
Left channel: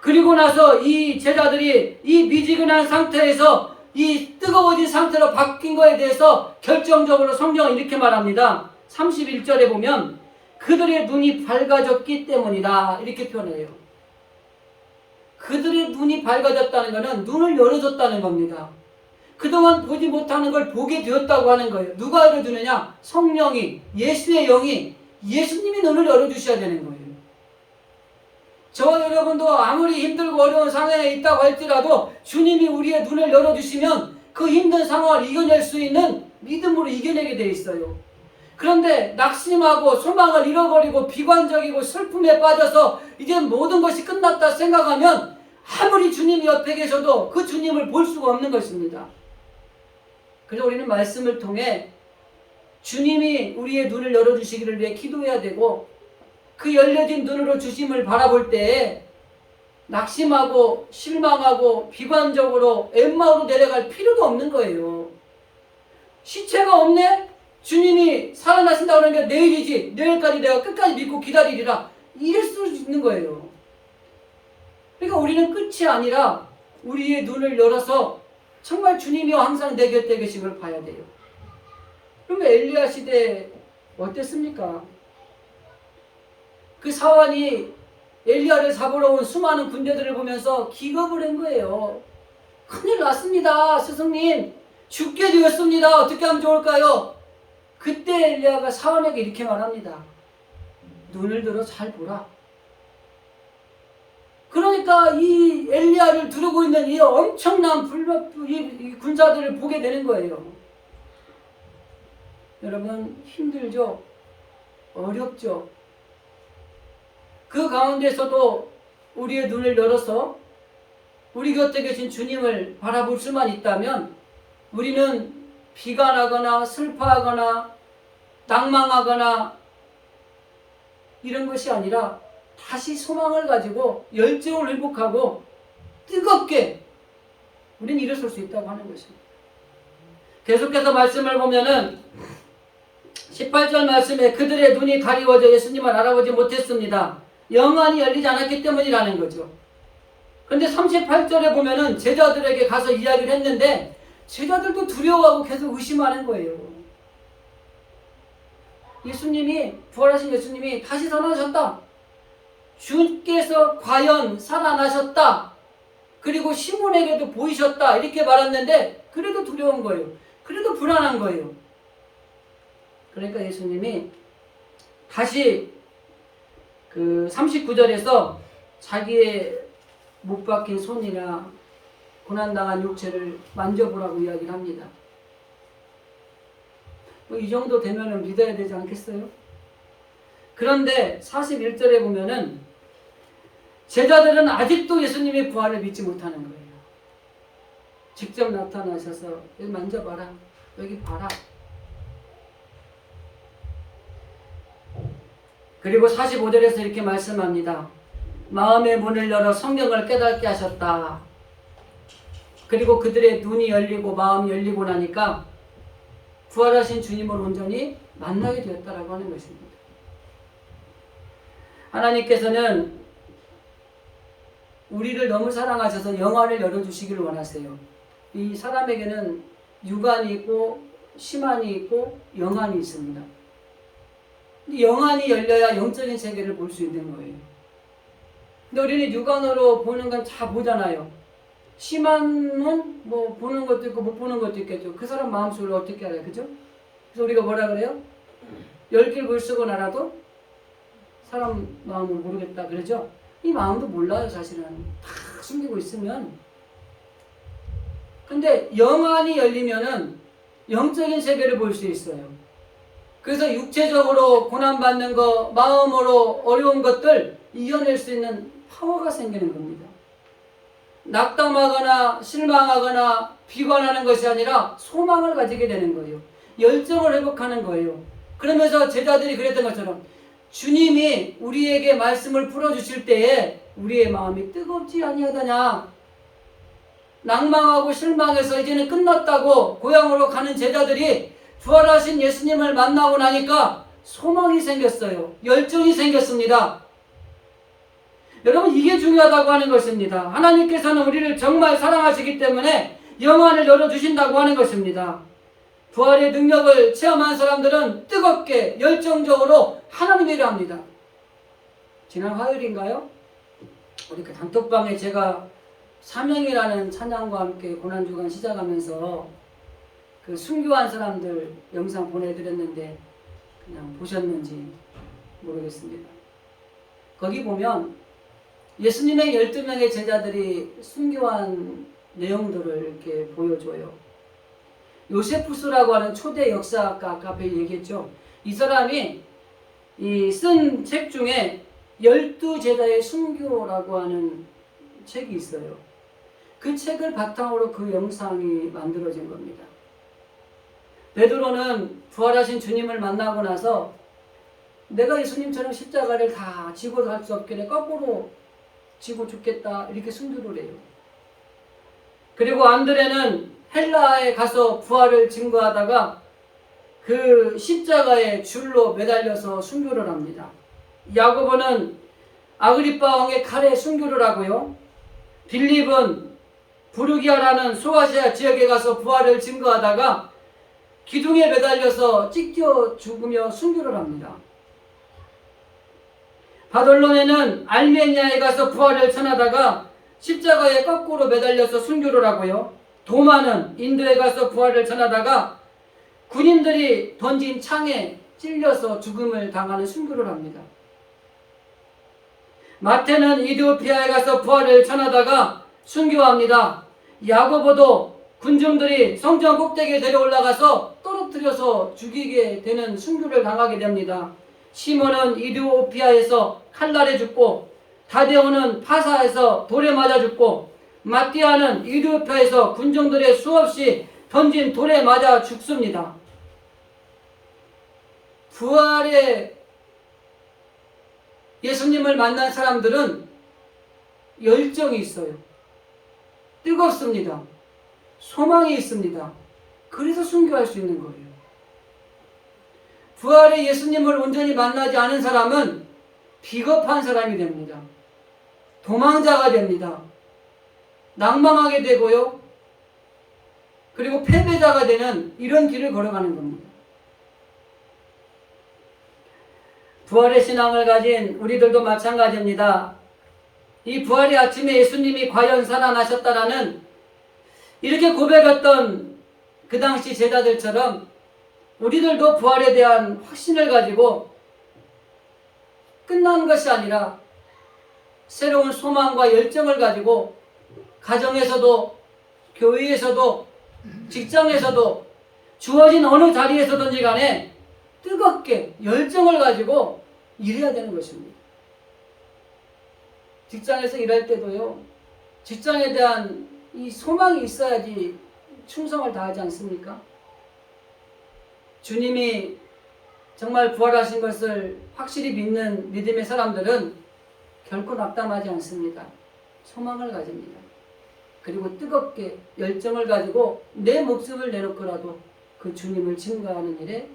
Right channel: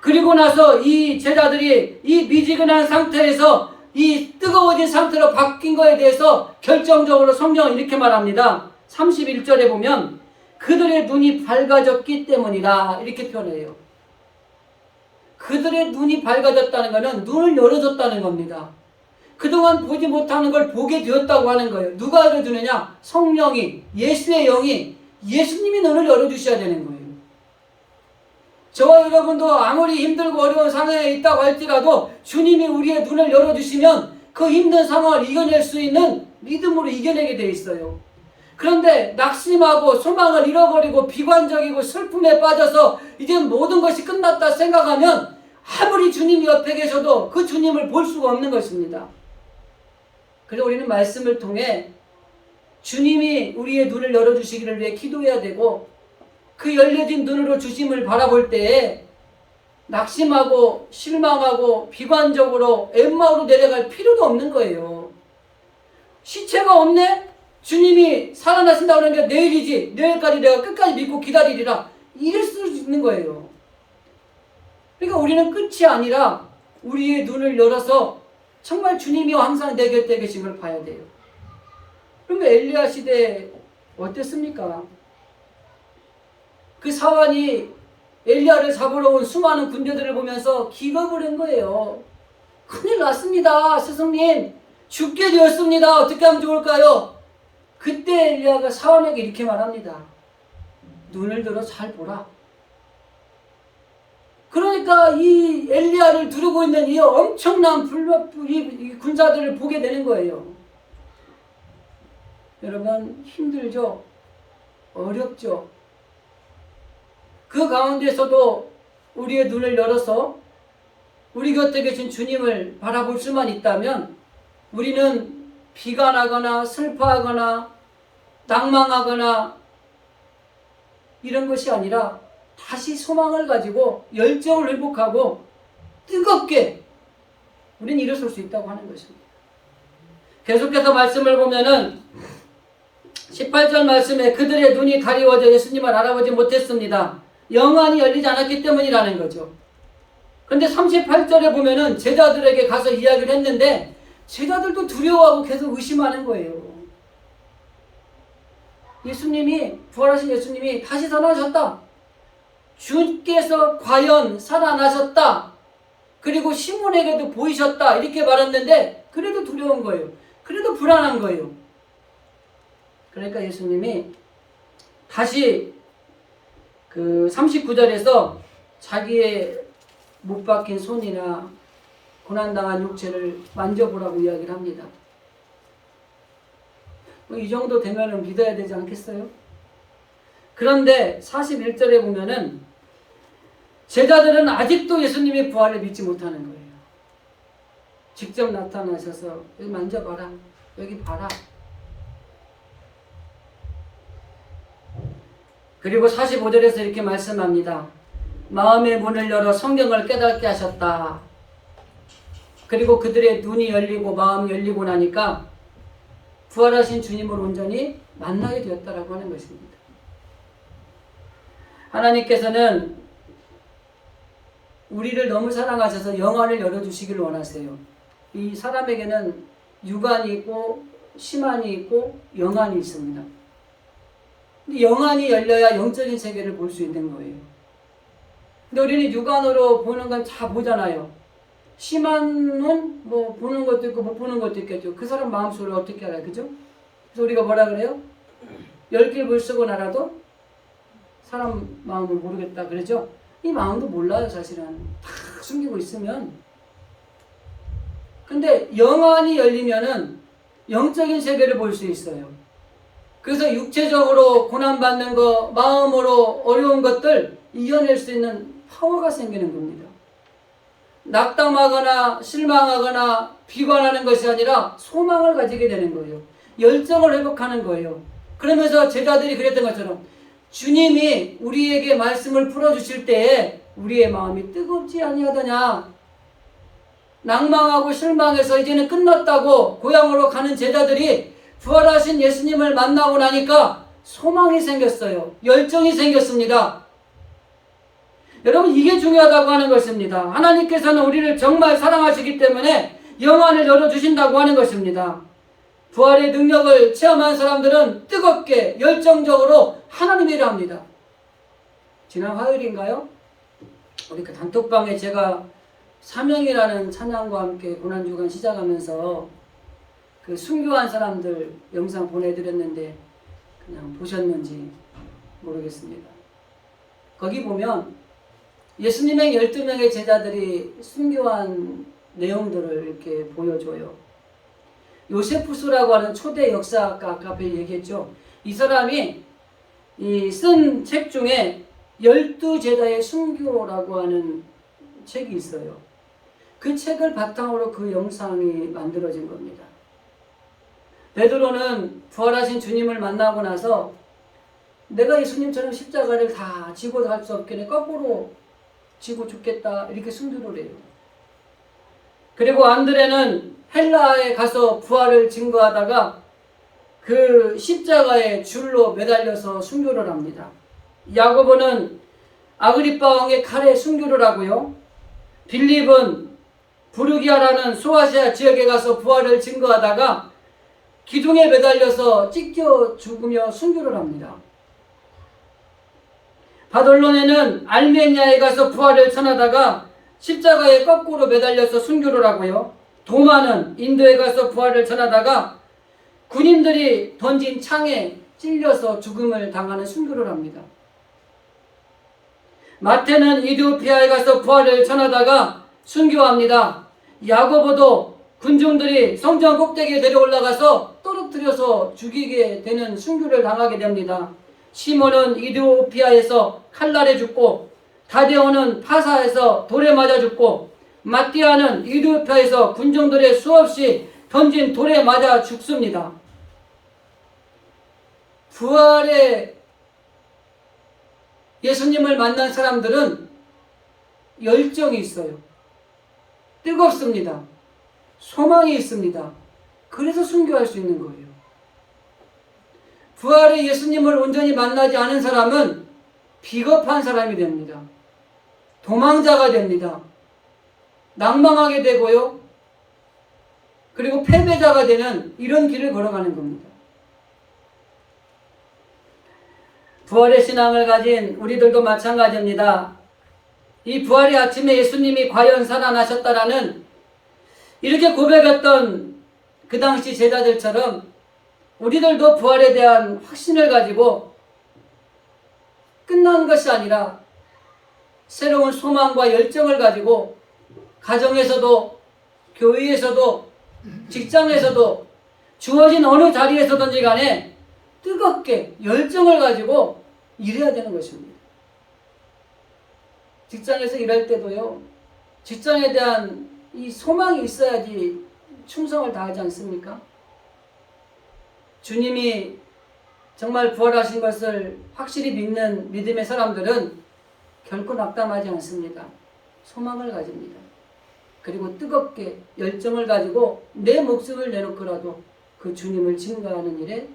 그리고 나서 이 제자들이 이 미지근한 상태에서 이 뜨거워진 상태로 바뀐 거에 대해서 결정적으로 성경은 이렇게 말합니다. 31절에 보면 그들의 눈이 밝아졌기 때문이다 이렇게 표현해요. 그들의 눈이 밝아졌다는 것은 눈을 열어줬다는 겁니다. 그동안 보지 못하는 걸 보게 되었다고 하는 거예요. 누가 열어주느냐? 성령이, 예수의 영이, 예수님이 눈을 열어주셔야 되는 거예요. 저와 여러분도 아무리 힘들고 어려운 상황에 있다고 할지라도 주님이 우리의 눈을 열어주시면 그 힘든 상황을 이겨낼 수 있는 믿음으로 이겨내게 돼 있어요. 그런데 낙심하고 소망을 잃어버리고 비관적이고 슬픔에 빠져서 이제 모든 것이 끝났다 생각하면 아무리 주님이 옆에 계셔도 그 주님을 볼 수가 없는 것입니다. 그래서 우리는 말씀을 통해 주님이 우리의 눈을 열어주시기를 위해 기도해야 되고 그 열려진 눈으로 주심을 바라볼 때에 낙심하고 실망하고 비관적으로 엠마오로 내려갈 필요도 없는 거예요. 시체가 없네? 주님이 살아나신다고 하는 게 내일이지. 내일까지 내가 끝까지 믿고 기다리리라. 이럴 수 있는 거예요. 그러니까 우리는 끝이 아니라 우리의 눈을 열어서 정말 주님이 항상 내 곁에 계심을 봐야 돼요. 그러면 엘리야 시대 어땠습니까? 그 사환이 엘리야를 잡으러 온 수많은 군대들을 보면서 기겁을 한 거예요. 큰일 났습니다. 스승님, 죽게 되었습니다. 어떻게 하면 좋을까요? 그때 엘리야가 사원에게 이렇게 말합니다. 눈을 들어 잘 보라. 그러니까 이 엘리야를 두르고 있는 이 엄청난 이 군사들을 보게 되는 거예요. 여러분, 힘들죠? 어렵죠? 그 가운데서도 우리의 눈을 열어서 우리 곁에 계신 주님을 바라볼 수만 있다면 우리는 비관하거나 슬퍼하거나 낭망하거나 이런 것이 아니라 다시 소망을 가지고 열정을 회복하고 뜨겁게 우리는 일어설 수 있다고 하는 것입니다. 계속해서 말씀을 보면은 18절 말씀에 그들의 눈이 가리워져 예수님을 알아보지 못했습니다. 영안이 열리지 않았기 때문이라는 거죠. 그런데 38절에 보면은 제자들에게 가서 이야기를 했는데 제자들도 두려워하고 계속 의심하는 거예요. 예수님이, 부활하신 예수님이 다시 살아나셨다. 주께서 과연 살아나셨다. 그리고 시몬에게도 보이셨다. 이렇게 말했는데 그래도 두려운 거예요. 그래도 불안한 거예요. 그러니까 예수님이 다시 그 39절에서 자기의 못 박힌 손이나 고난당한 육체를 만져보라고 이야기를 합니다. 이 정도 되면은 믿어야 되지 않겠어요? 그런데 41절에 보면은 제자들은 아직도 예수님의 부활을 믿지 못하는 거예요. 직접 나타나셔서 여기 만져봐라. 여기 봐라. 그리고 45절에서 이렇게 말씀합니다. 마음의 문을 열어 성경을 깨닫게 하셨다. 그리고 그들의 눈이 열리고 마음이 열리고 나니까 부활하신 주님을 온전히 만나게 되었다라고 하는 것입니다. 하나님께서는 우리를 너무 사랑하셔서 영안을 열어주시기를 원하세요. 이 사람에게는 육안이 있고 심안이 있고 영안이 있습니다. 근데 영안이 열려야 영적인 세계를 볼 수 있는 거예요. 근데 우리는 육안으로 보는 건 다 보잖아요. 심안은 뭐 보는 것도 있고 못 보는 것도 있겠죠. 그 사람 마음속을 어떻게 알아요? 그죠? 그래서 우리가 뭐라 그래요? 열길 물쓰고 알아도 사람 마음을 모르겠다 그러죠? 이 마음도 몰라요. 사실은 다 숨기고 있으면. 근데 영안이 열리면은 영적인 세계를 볼 수 있어요. 그래서 육체적으로 고난받는 거, 마음으로 어려운 것들 이겨낼 수 있는 파워가 생기는 겁니다. 낙담하거나 실망하거나 비관하는 것이 아니라 소망을 가지게 되는 거예요. 열정을 회복하는 거예요. 그러면서 제자들이 그랬던 것처럼 주님이 우리에게 말씀을 풀어주실 때에 우리의 마음이 뜨겁지 아니하더냐. 낭망하고 실망해서 이제는 끝났다고 고향으로 가는 제자들이 부활하신 예수님을 만나고 나니까 소망이 생겼어요. 열정이 생겼습니다. 여러분, 이게 중요하다고 하는 것입니다. 하나님께서는 우리를 정말 사랑하시기 때문에 영안을 열어주신다고 하는 것입니다. 부활의 능력을 체험한 사람들은 뜨겁게 열정적으로 하나님의 일을 합니다. 지난 화요일인가요? 우리 그 단톡방에 제가 사명이라는 찬양과 함께 고난주간 시작하면서 그 순교한 사람들 영상 보내드렸는데 그냥 보셨는지 모르겠습니다. 거기 보면 예수님의 12명의 제자들이 순교한 내용들을 이렇게 보여줘요. 요세푸스라고 하는 초대 역사학가, 아까 앞에 얘기했죠. 이 사람이 이 쓴 책 중에 12제자의 순교라고 하는 책이 있어요. 그 책을 바탕으로 그 영상이 만들어진 겁니다. 베드로는 부활하신 주님을 만나고 나서 내가 예수님처럼 십자가를 다 지고 살 수 없겠네, 거꾸로 지고 죽겠다, 이렇게 순교를 해요. 그리고 안드레는 헬라에 가서 부활을 증거하다가 그 십자가에 줄로 매달려서 순교를 합니다. 야고보는 아그리빠 왕의 칼에 순교를 하고요. 빌립은 부르기아라는 소아시아 지역에 가서 부활을 증거하다가 기둥에 매달려서 찢겨 죽으며 순교를 합니다. 바돌론에는 알메니아에 가서 부활을 전하다가 십자가에 거꾸로 매달려서 순교를 하고요. 도마는 인도에 가서 부활을 전하다가 군인들이 던진 창에 찔려서 죽음을 당하는 순교를 합니다. 마태는 이디오피아에 가서 부활을 전하다가 순교합니다. 야고보도 군중들이 성전 꼭대기에 내려 올라가서 떨어뜨려서 죽이게 되는 순교를 당하게 됩니다. 시몬은 이디오피아에서 칼날에 죽고, 다데오는 파사에서 돌에 맞아 죽고, 마띠아는 이디오피아에서 군중들의 수없이 던진 돌에 맞아 죽습니다. 부활의 예수님을 만난 사람들은 열정이 있어요. 뜨겁습니다. 소망이 있습니다. 그래서 순교할 수 있는 거예요. 부활의 예수님을 온전히 만나지 않은 사람은 비겁한 사람이 됩니다. 도망자가 됩니다. 낭망하게 되고요. 그리고 패배자가 되는 이런 길을 걸어가는 겁니다. 부활의 신앙을 가진 우리들도 마찬가지입니다. 이 부활의 아침에 예수님이 과연 살아나셨다라는 이렇게 고백했던 그 당시 제자들처럼 우리들도 부활에 대한 확신을 가지고 끝난 것이 아니라 새로운 소망과 열정을 가지고 가정에서도, 교회에서도, 직장에서도, 주어진 어느 자리에서든지 간에 뜨겁게 열정을 가지고 일해야 되는 것입니다. 직장에서 일할 때도요, 직장에 대한 이 소망이 있어야지 충성을 다하지 않습니까? 주님이 정말 부활하신 것을 확실히 믿는 믿음의 사람들은 결코 낙담하지 않습니다. 소망을 가집니다. 그리고 뜨겁게 열정을 가지고 내 목숨을 내놓고라도 그 주님을 증거하는 일에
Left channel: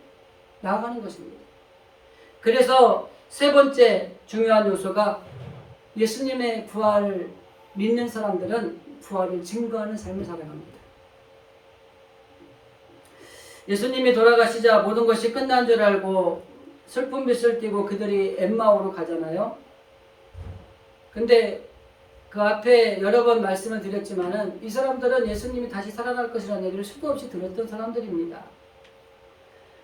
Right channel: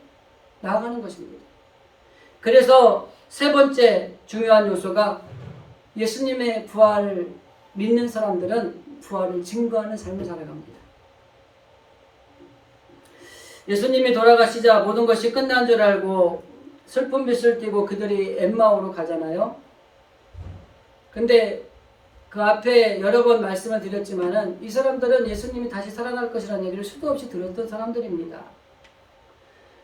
나아가는 것입니다. 그래서 세 번째 중요한 요소가 예수님의 부활을 믿는 사람들은 부활을 증거하는 삶을 살아갑니다. 예수님이 돌아가시자 모든 것이 끝난 줄 알고 슬픈 빛을 띠고 그들이 엠마오로 가잖아요. 근데 그 앞에 여러 번 말씀을 드렸지만은 이 사람들은 예수님이 다시 살아날 것이라는 얘기를 수도 없이 들었던 사람들입니다.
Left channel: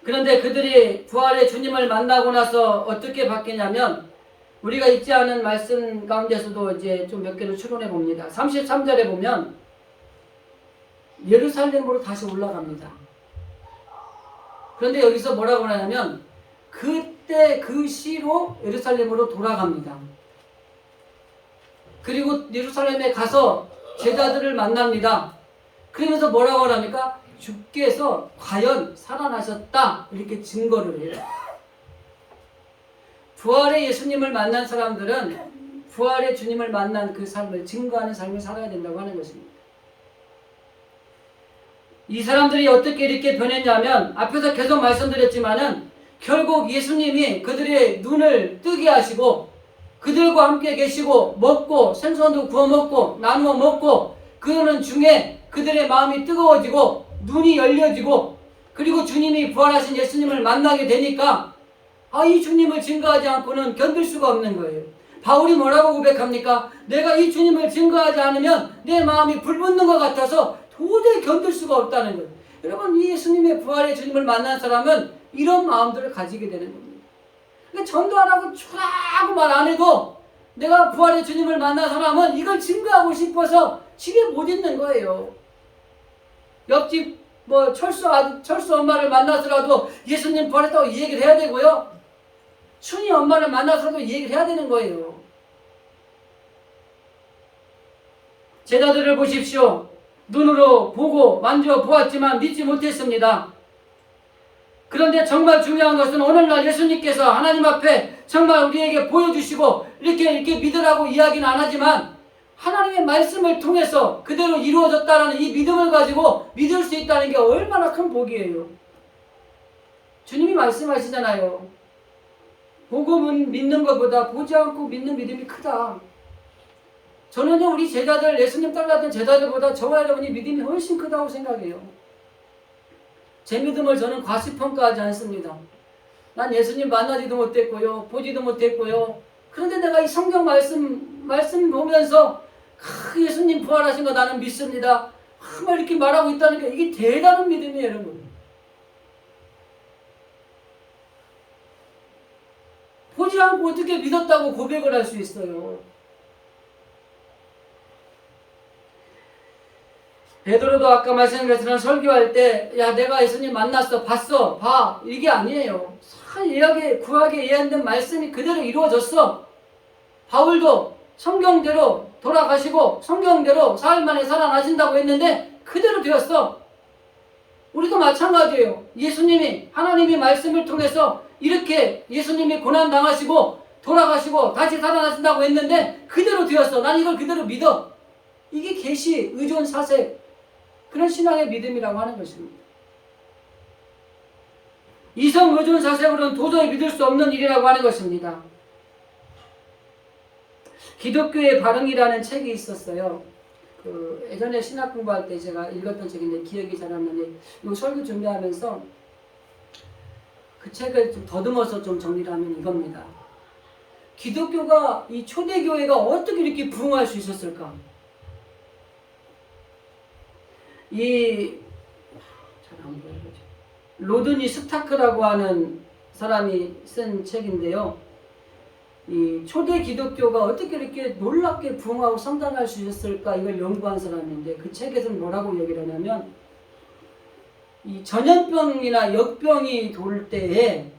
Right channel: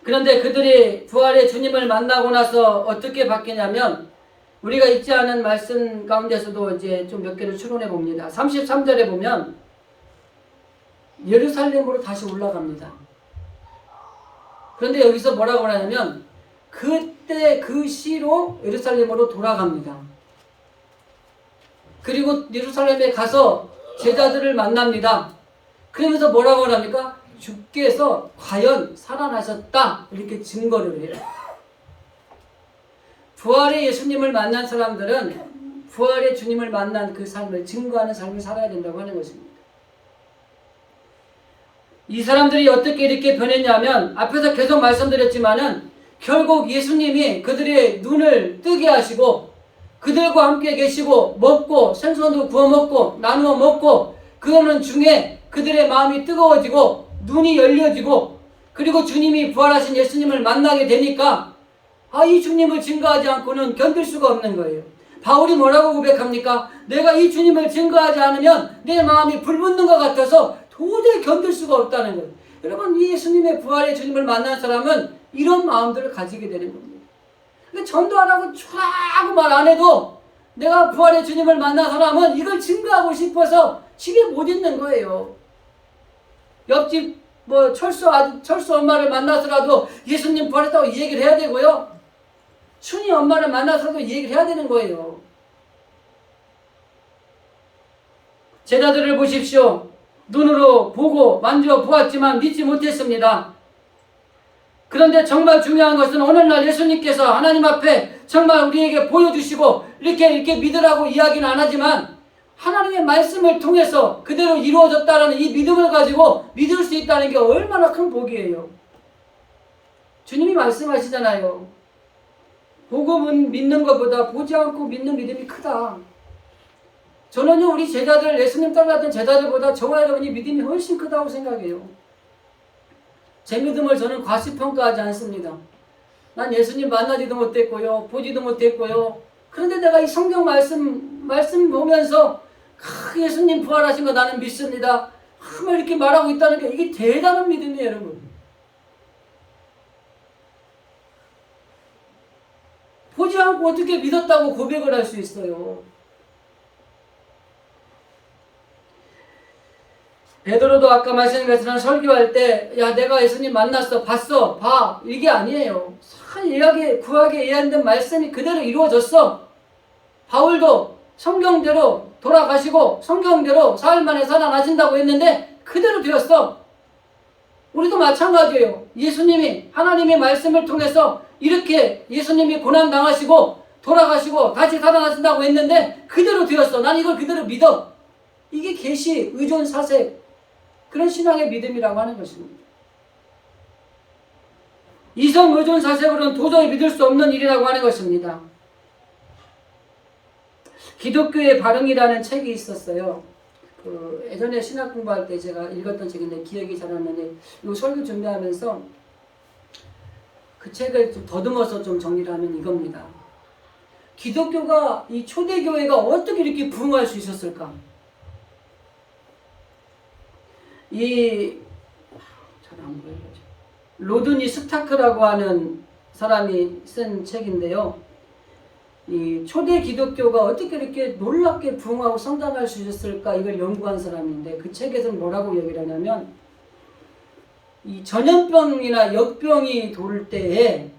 그런데 그들이 부활의 주님을 만나고 나서 어떻게 바뀌냐면 우리가 잊지 않은 말씀 가운데서도 이제 좀 몇 개를 추론해 봅니다. 33절에 보면 예루살렘으로 다시 올라갑니다. 그런데 여기서 뭐라고 하냐면 그때 그 시로 예루살렘으로 돌아갑니다. 그리고 예루살렘에 가서 제자들을 만납니다. 그러면서 뭐라고 하랍니까? 주께서 과연 살아나셨다 이렇게 증거를 해요. 부활의 예수님을 만난 사람들은 부활의 주님을 만난 그 삶을 증거하는 삶을 살아야 된다고 하는 것입니다. 이 사람들이 어떻게 이렇게 변했냐면 앞에서 계속 말씀드렸지만은 결국 예수님이 그들의 눈을 뜨게 하시고 그들과 함께 계시고 먹고 생선도 구워 먹고 나누어 먹고 그러는 중에 그들의 마음이 뜨거워지고 눈이 열려지고 그리고 주님이 부활하신 예수님을 만나게 되니까 이 주님을 증거하지 않고는 견딜 수가 없는 거예요. 바울이 뭐라고 고백합니까? 내가 이 주님을 증거하지 않으면 내 마음이 불붙는 것 같아서 도저히 견딜 수가 없다는 거예요. 여러분, 이 예수님의 부활의 주님을 만난 사람은 이런 마음들을 가지게 되는 겁니다. 그러니까 전도 안 하고 촤라고 말 안 해도 내가 부활의 주님을 만난 사람은 이걸 증거하고 싶어서 집에 못 있는 거예요. 옆집 철수 엄마를 만나서라도 예수님 부활했다고 이 얘기를 해야 되고요. 순이 엄마를 만나서라도 이 얘기를 해야 되는 거예요. 제자들을 보십시오. 눈으로 보고 만져 보았지만 믿지 못했습니다. 그런데 정말 중요한 것은 오늘날 예수님께서 하나님 앞에 정말 우리에게 보여주시고 이렇게 믿으라고 이야기는 안 하지만 하나님의 말씀을 통해서 그대로 이루어졌다는 이 믿음을 가지고 믿을 수 있다는 게 얼마나 큰 복이에요. 주님이 말씀하시잖아요. 보고 믿는 것보다 보지 않고 믿는 믿음이 크다. 저는요, 우리 제자들, 예수님 따라갔던 제자들보다 저와 여러분이 믿음이 훨씬 크다고 생각해요. 제 믿음을 저는 과시평가하지 않습니다. 난 예수님 만나지도 못했고요, 보지도 못했고요, 그런데 내가 이 성경 말씀 보면서 예수님 부활하신 거 나는 믿습니다. 막 이렇게 말하고 있다는 게 이게 대단한 믿음이에요, 여러분. 보지 않고 어떻게 믿었다고 고백을 할 수 있어요? 베드로도 아까 말씀드린 것처럼 설교할 때, 야, 내가 예수님 만났어, 봤어, 봐, 이게 아니에요. 구약에 예언된 말씀이 그대로 이루어졌어. 바울도 성경대로 돌아가시고 성경대로 사흘 만에 살아나신다고 했는데 그대로 되었어. 우리도 마찬가지예요. 예수님이 하나님의 말씀을 통해서 이렇게 예수님이 고난당하시고 돌아가시고 다시 살아나신다고 했는데 그대로 되었어. 난 이걸 그대로 믿어. 이게 계시, 의존, 사색, 그런 신앙의 믿음이라고 하는 것입니다. 이성, 의존, 사색으로는 도저히 믿을 수 없는 일이라고 하는 것입니다. 기독교의 발흥이라는 책이 있었어요. 예전에 신학 공부할 때 제가 읽었던 책인데 기억이 잘 안 나네. 이 설교 준비하면서 그 책을 좀 더듬어서 좀 정리를 하면 이겁니다. 기독교가, 이 초대교회가 어떻게 이렇게 부흥할 수 있었을까? 잘 안 보여요. 로드니 스타크라고 하는 사람이 쓴 책인데요. 이 초대 기독교가 어떻게 이렇게 놀랍게 부흥하고 성장할 수 있었을까, 이걸 연구한 사람인데 그 책에서는 뭐라고 얘기를 하냐면, 이 전염병이나 역병이 돌 때에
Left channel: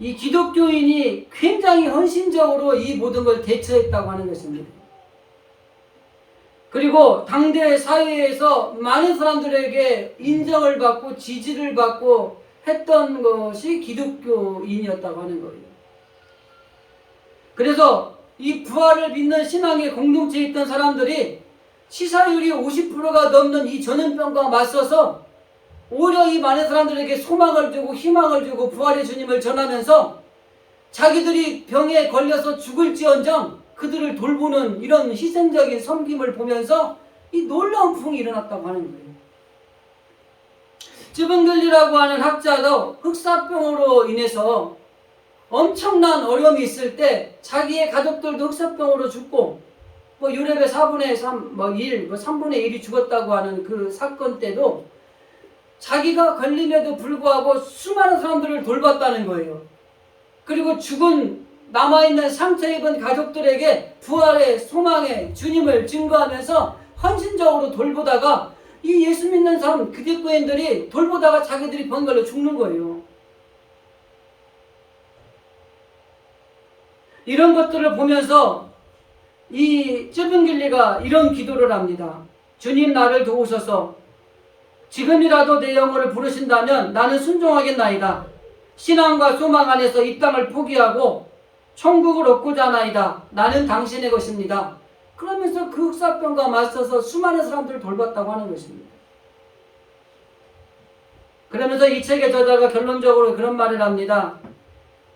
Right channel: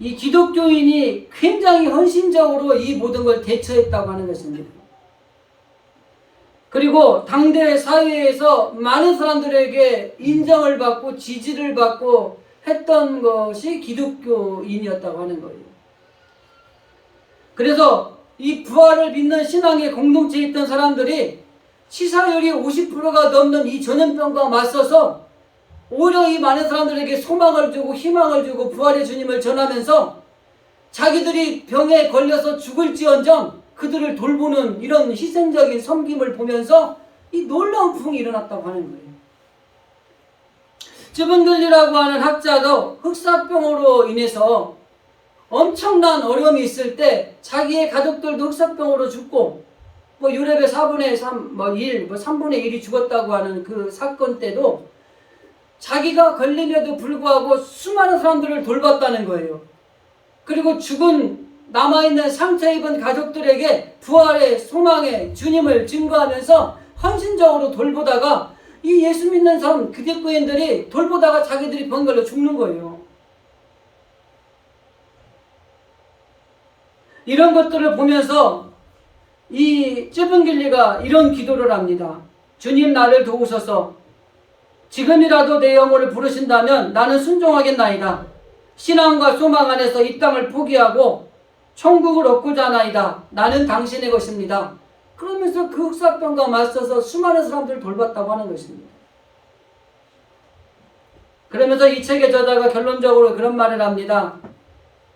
이 기독교인이 굉장히 헌신적으로 이 모든 걸 대처했다고 하는 것입니다. 그리고 당대 사회에서 많은 사람들에게 인정을 받고 지지를 받고 했던 것이 기독교인이었다고 하는 거예요. 그래서 이 부활을 믿는 신앙의 공동체에 있던 사람들이 치사율이 50%가 넘는 이 전염병과 맞서서 오히려 이 많은 사람들에게 소망을 주고 희망을 주고 부활의 주님을 전하면서 자기들이 병에 걸려서 죽을지언정 그들을 돌보는 이런 희생적인 섬김을 보면서 이 놀라운 부흥이 일어났다고 하는 거예요. 즈분글리라고 하는 학자도 흑사병으로 인해서 엄청난 어려움이 있을 때 자기의 가족들도 흑사병으로 죽고 유럽의 4분의 3, 1, 3분의 1이 죽었다고 하는 그 사건 때도 자기가 걸림에도 불구하고 수많은 사람들을 돌봤다는 거예요. 그리고 죽은 남아있는 상처 입은 가족들에게 부활의 소망의 주님을 증거하면서 헌신적으로 돌보다가 이 예수 믿는 사람, 기독교인들이 돌보다가 자기들이 병 걸려 죽는 거예요. 이런 것들을 보면서 이 쯔분길리가 이런 기도를 합니다. 주님, 나를 도우소서. 지금이라도 내 영혼을 부르신다면 나는 순종하겠나이다. 신앙과 소망 안에서 이 땅을 포기하고 천국을 얻고자 하나이다. 나는 당신의 것입니다. 그러면서 그 흑사병과 맞서서 수많은 사람들을 돌봤다고 하는 것입니다. 그러면서 이 책의 저자가 결론적으로 그런 말을 합니다.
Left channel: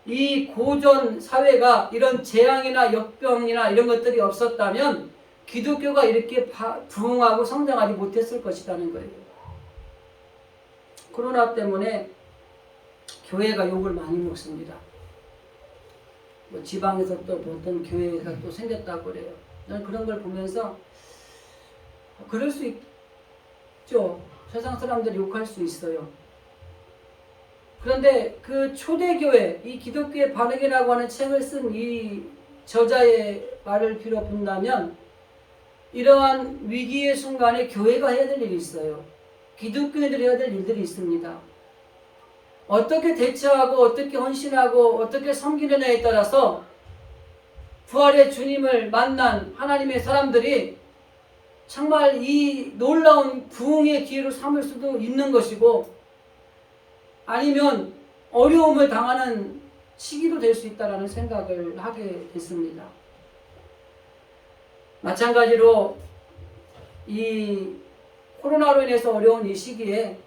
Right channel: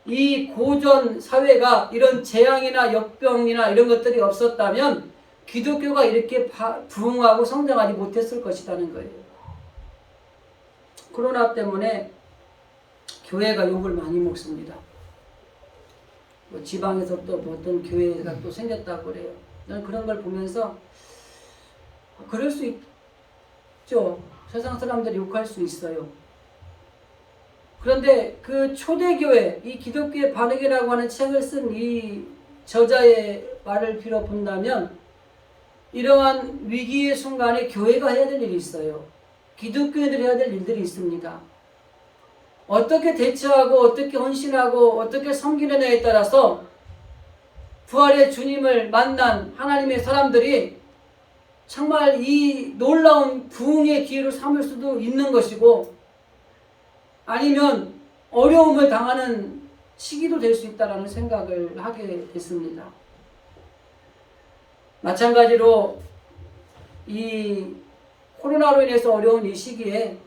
이 고전 사회가 이런 재앙이나 역병이나 이런 것들이 없었다면 기독교가 이렇게 부흥하고 성장하지 못했을 것이라는 거예요. 코로나 때문에 교회가 욕을 많이 먹습니다. 지방에서 또 어떤 교회가 또 생겼다고 그래요. 저는 그런 걸 보면서 그럴 수 있죠. 세상 사람들이 욕할 수 있어요. 그런데 그 초대교회, 이 기독교의 반응이라고 하는 책을 쓴 이 저자의 말을 빌어 본다면 이러한 위기의 순간에 교회가 해야 될 일이 있어요. 기독교인들이 해야 될 일들이 있습니다. 어떻게 대처하고 어떻게 헌신하고 어떻게 섬기느냐에 따라서 부활의 주님을 만난 하나님의 사람들이 정말 이 놀라운 부흥의 기회로 삼을 수도 있는 것이고 아니면 어려움을 당하는 시기도 될 수 있다는 생각을 하게 됐습니다. 마찬가지로 이 코로나로 인해서 어려운 이 시기에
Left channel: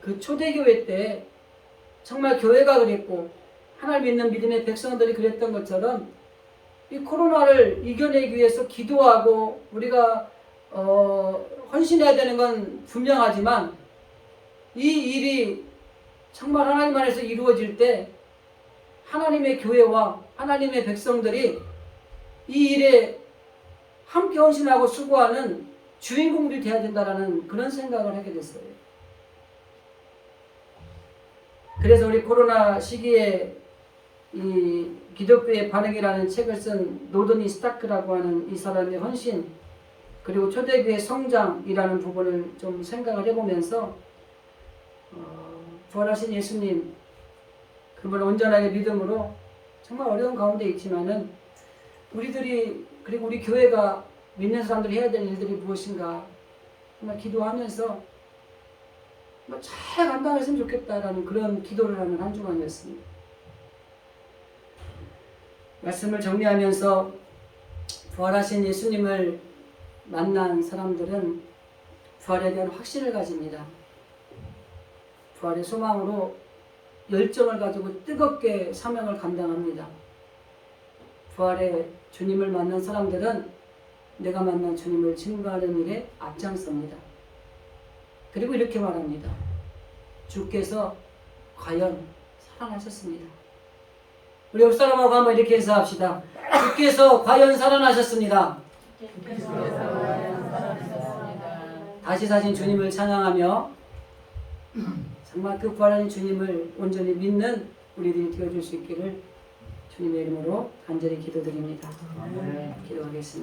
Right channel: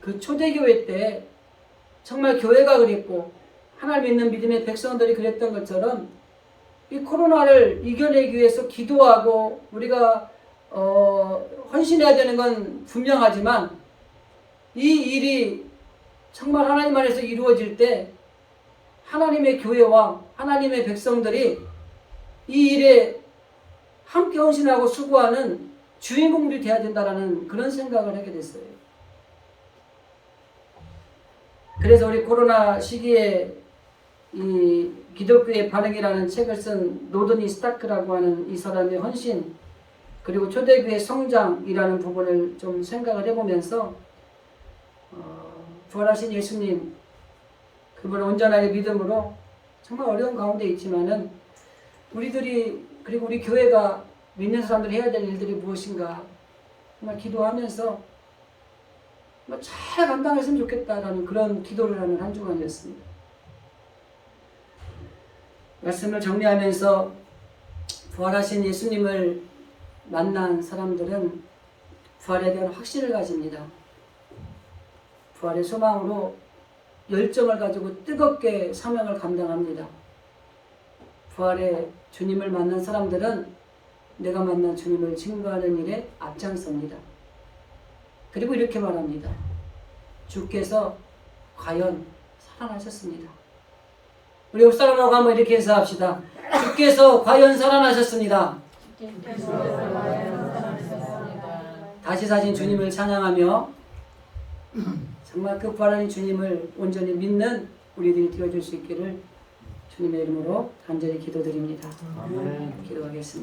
그 초대교회 때 정말 교회가 그랬고 하나님 믿는 믿음의 백성들이 그랬던 것처럼 이 코로나를 이겨내기 위해서 기도하고 우리가 헌신해야 되는 건 분명하지만 이 일이 정말 하나님 안에서 이루어질 때 하나님의 교회와 하나님의 백성들이 이 일에 함께 헌신하고 수고하는 주인공들이 되어야 된다라는 그런 생각을 하게 됐어요. 그래서 우리 코로나 시기에 이 기독교의 반응이라는 책을 쓴 노드니 스타크라고 하는 이 사람의 헌신, 그리고 초대교회 성장이라는 부분을 좀 생각을 해보면서 부활하신 예수님, 그분을 온전하게 믿음으로 정말 어려운 가운데 있지만은 우리들이, 그리고 우리 교회가 믿는 사람들이 해야 될 일들이 무엇인가 정말 기도하면서 정말 잘 감당했으면 좋겠다라는 그런 기도를 하는 한 주간이었습니다. 말씀을 정리하면서 부활하신 예수님을 만난 사람들은 부활에 대한 확신을 가집니다. 부활의 소망으로 열정을 가지고 뜨겁게 사명을 감당합니다. 부활의 주님을 만난 사람들은 내가 만난 주님을 증거하는 일에 앞장섭니다. 그리고 이렇게 말합니다. 주께서 과연 살아나셨습니다. 우리 옆 사람하고 한번 이렇게 인사합시다. 주께서 과연 살아나셨습니다. 다시 사신 주님을 찬양하며 정말 그 부활하신 주님을 온전히 믿는 우리들이 되어줄 수 있기를 주님의 이름으로 간절히 기도드립니다. 기도하겠습니다.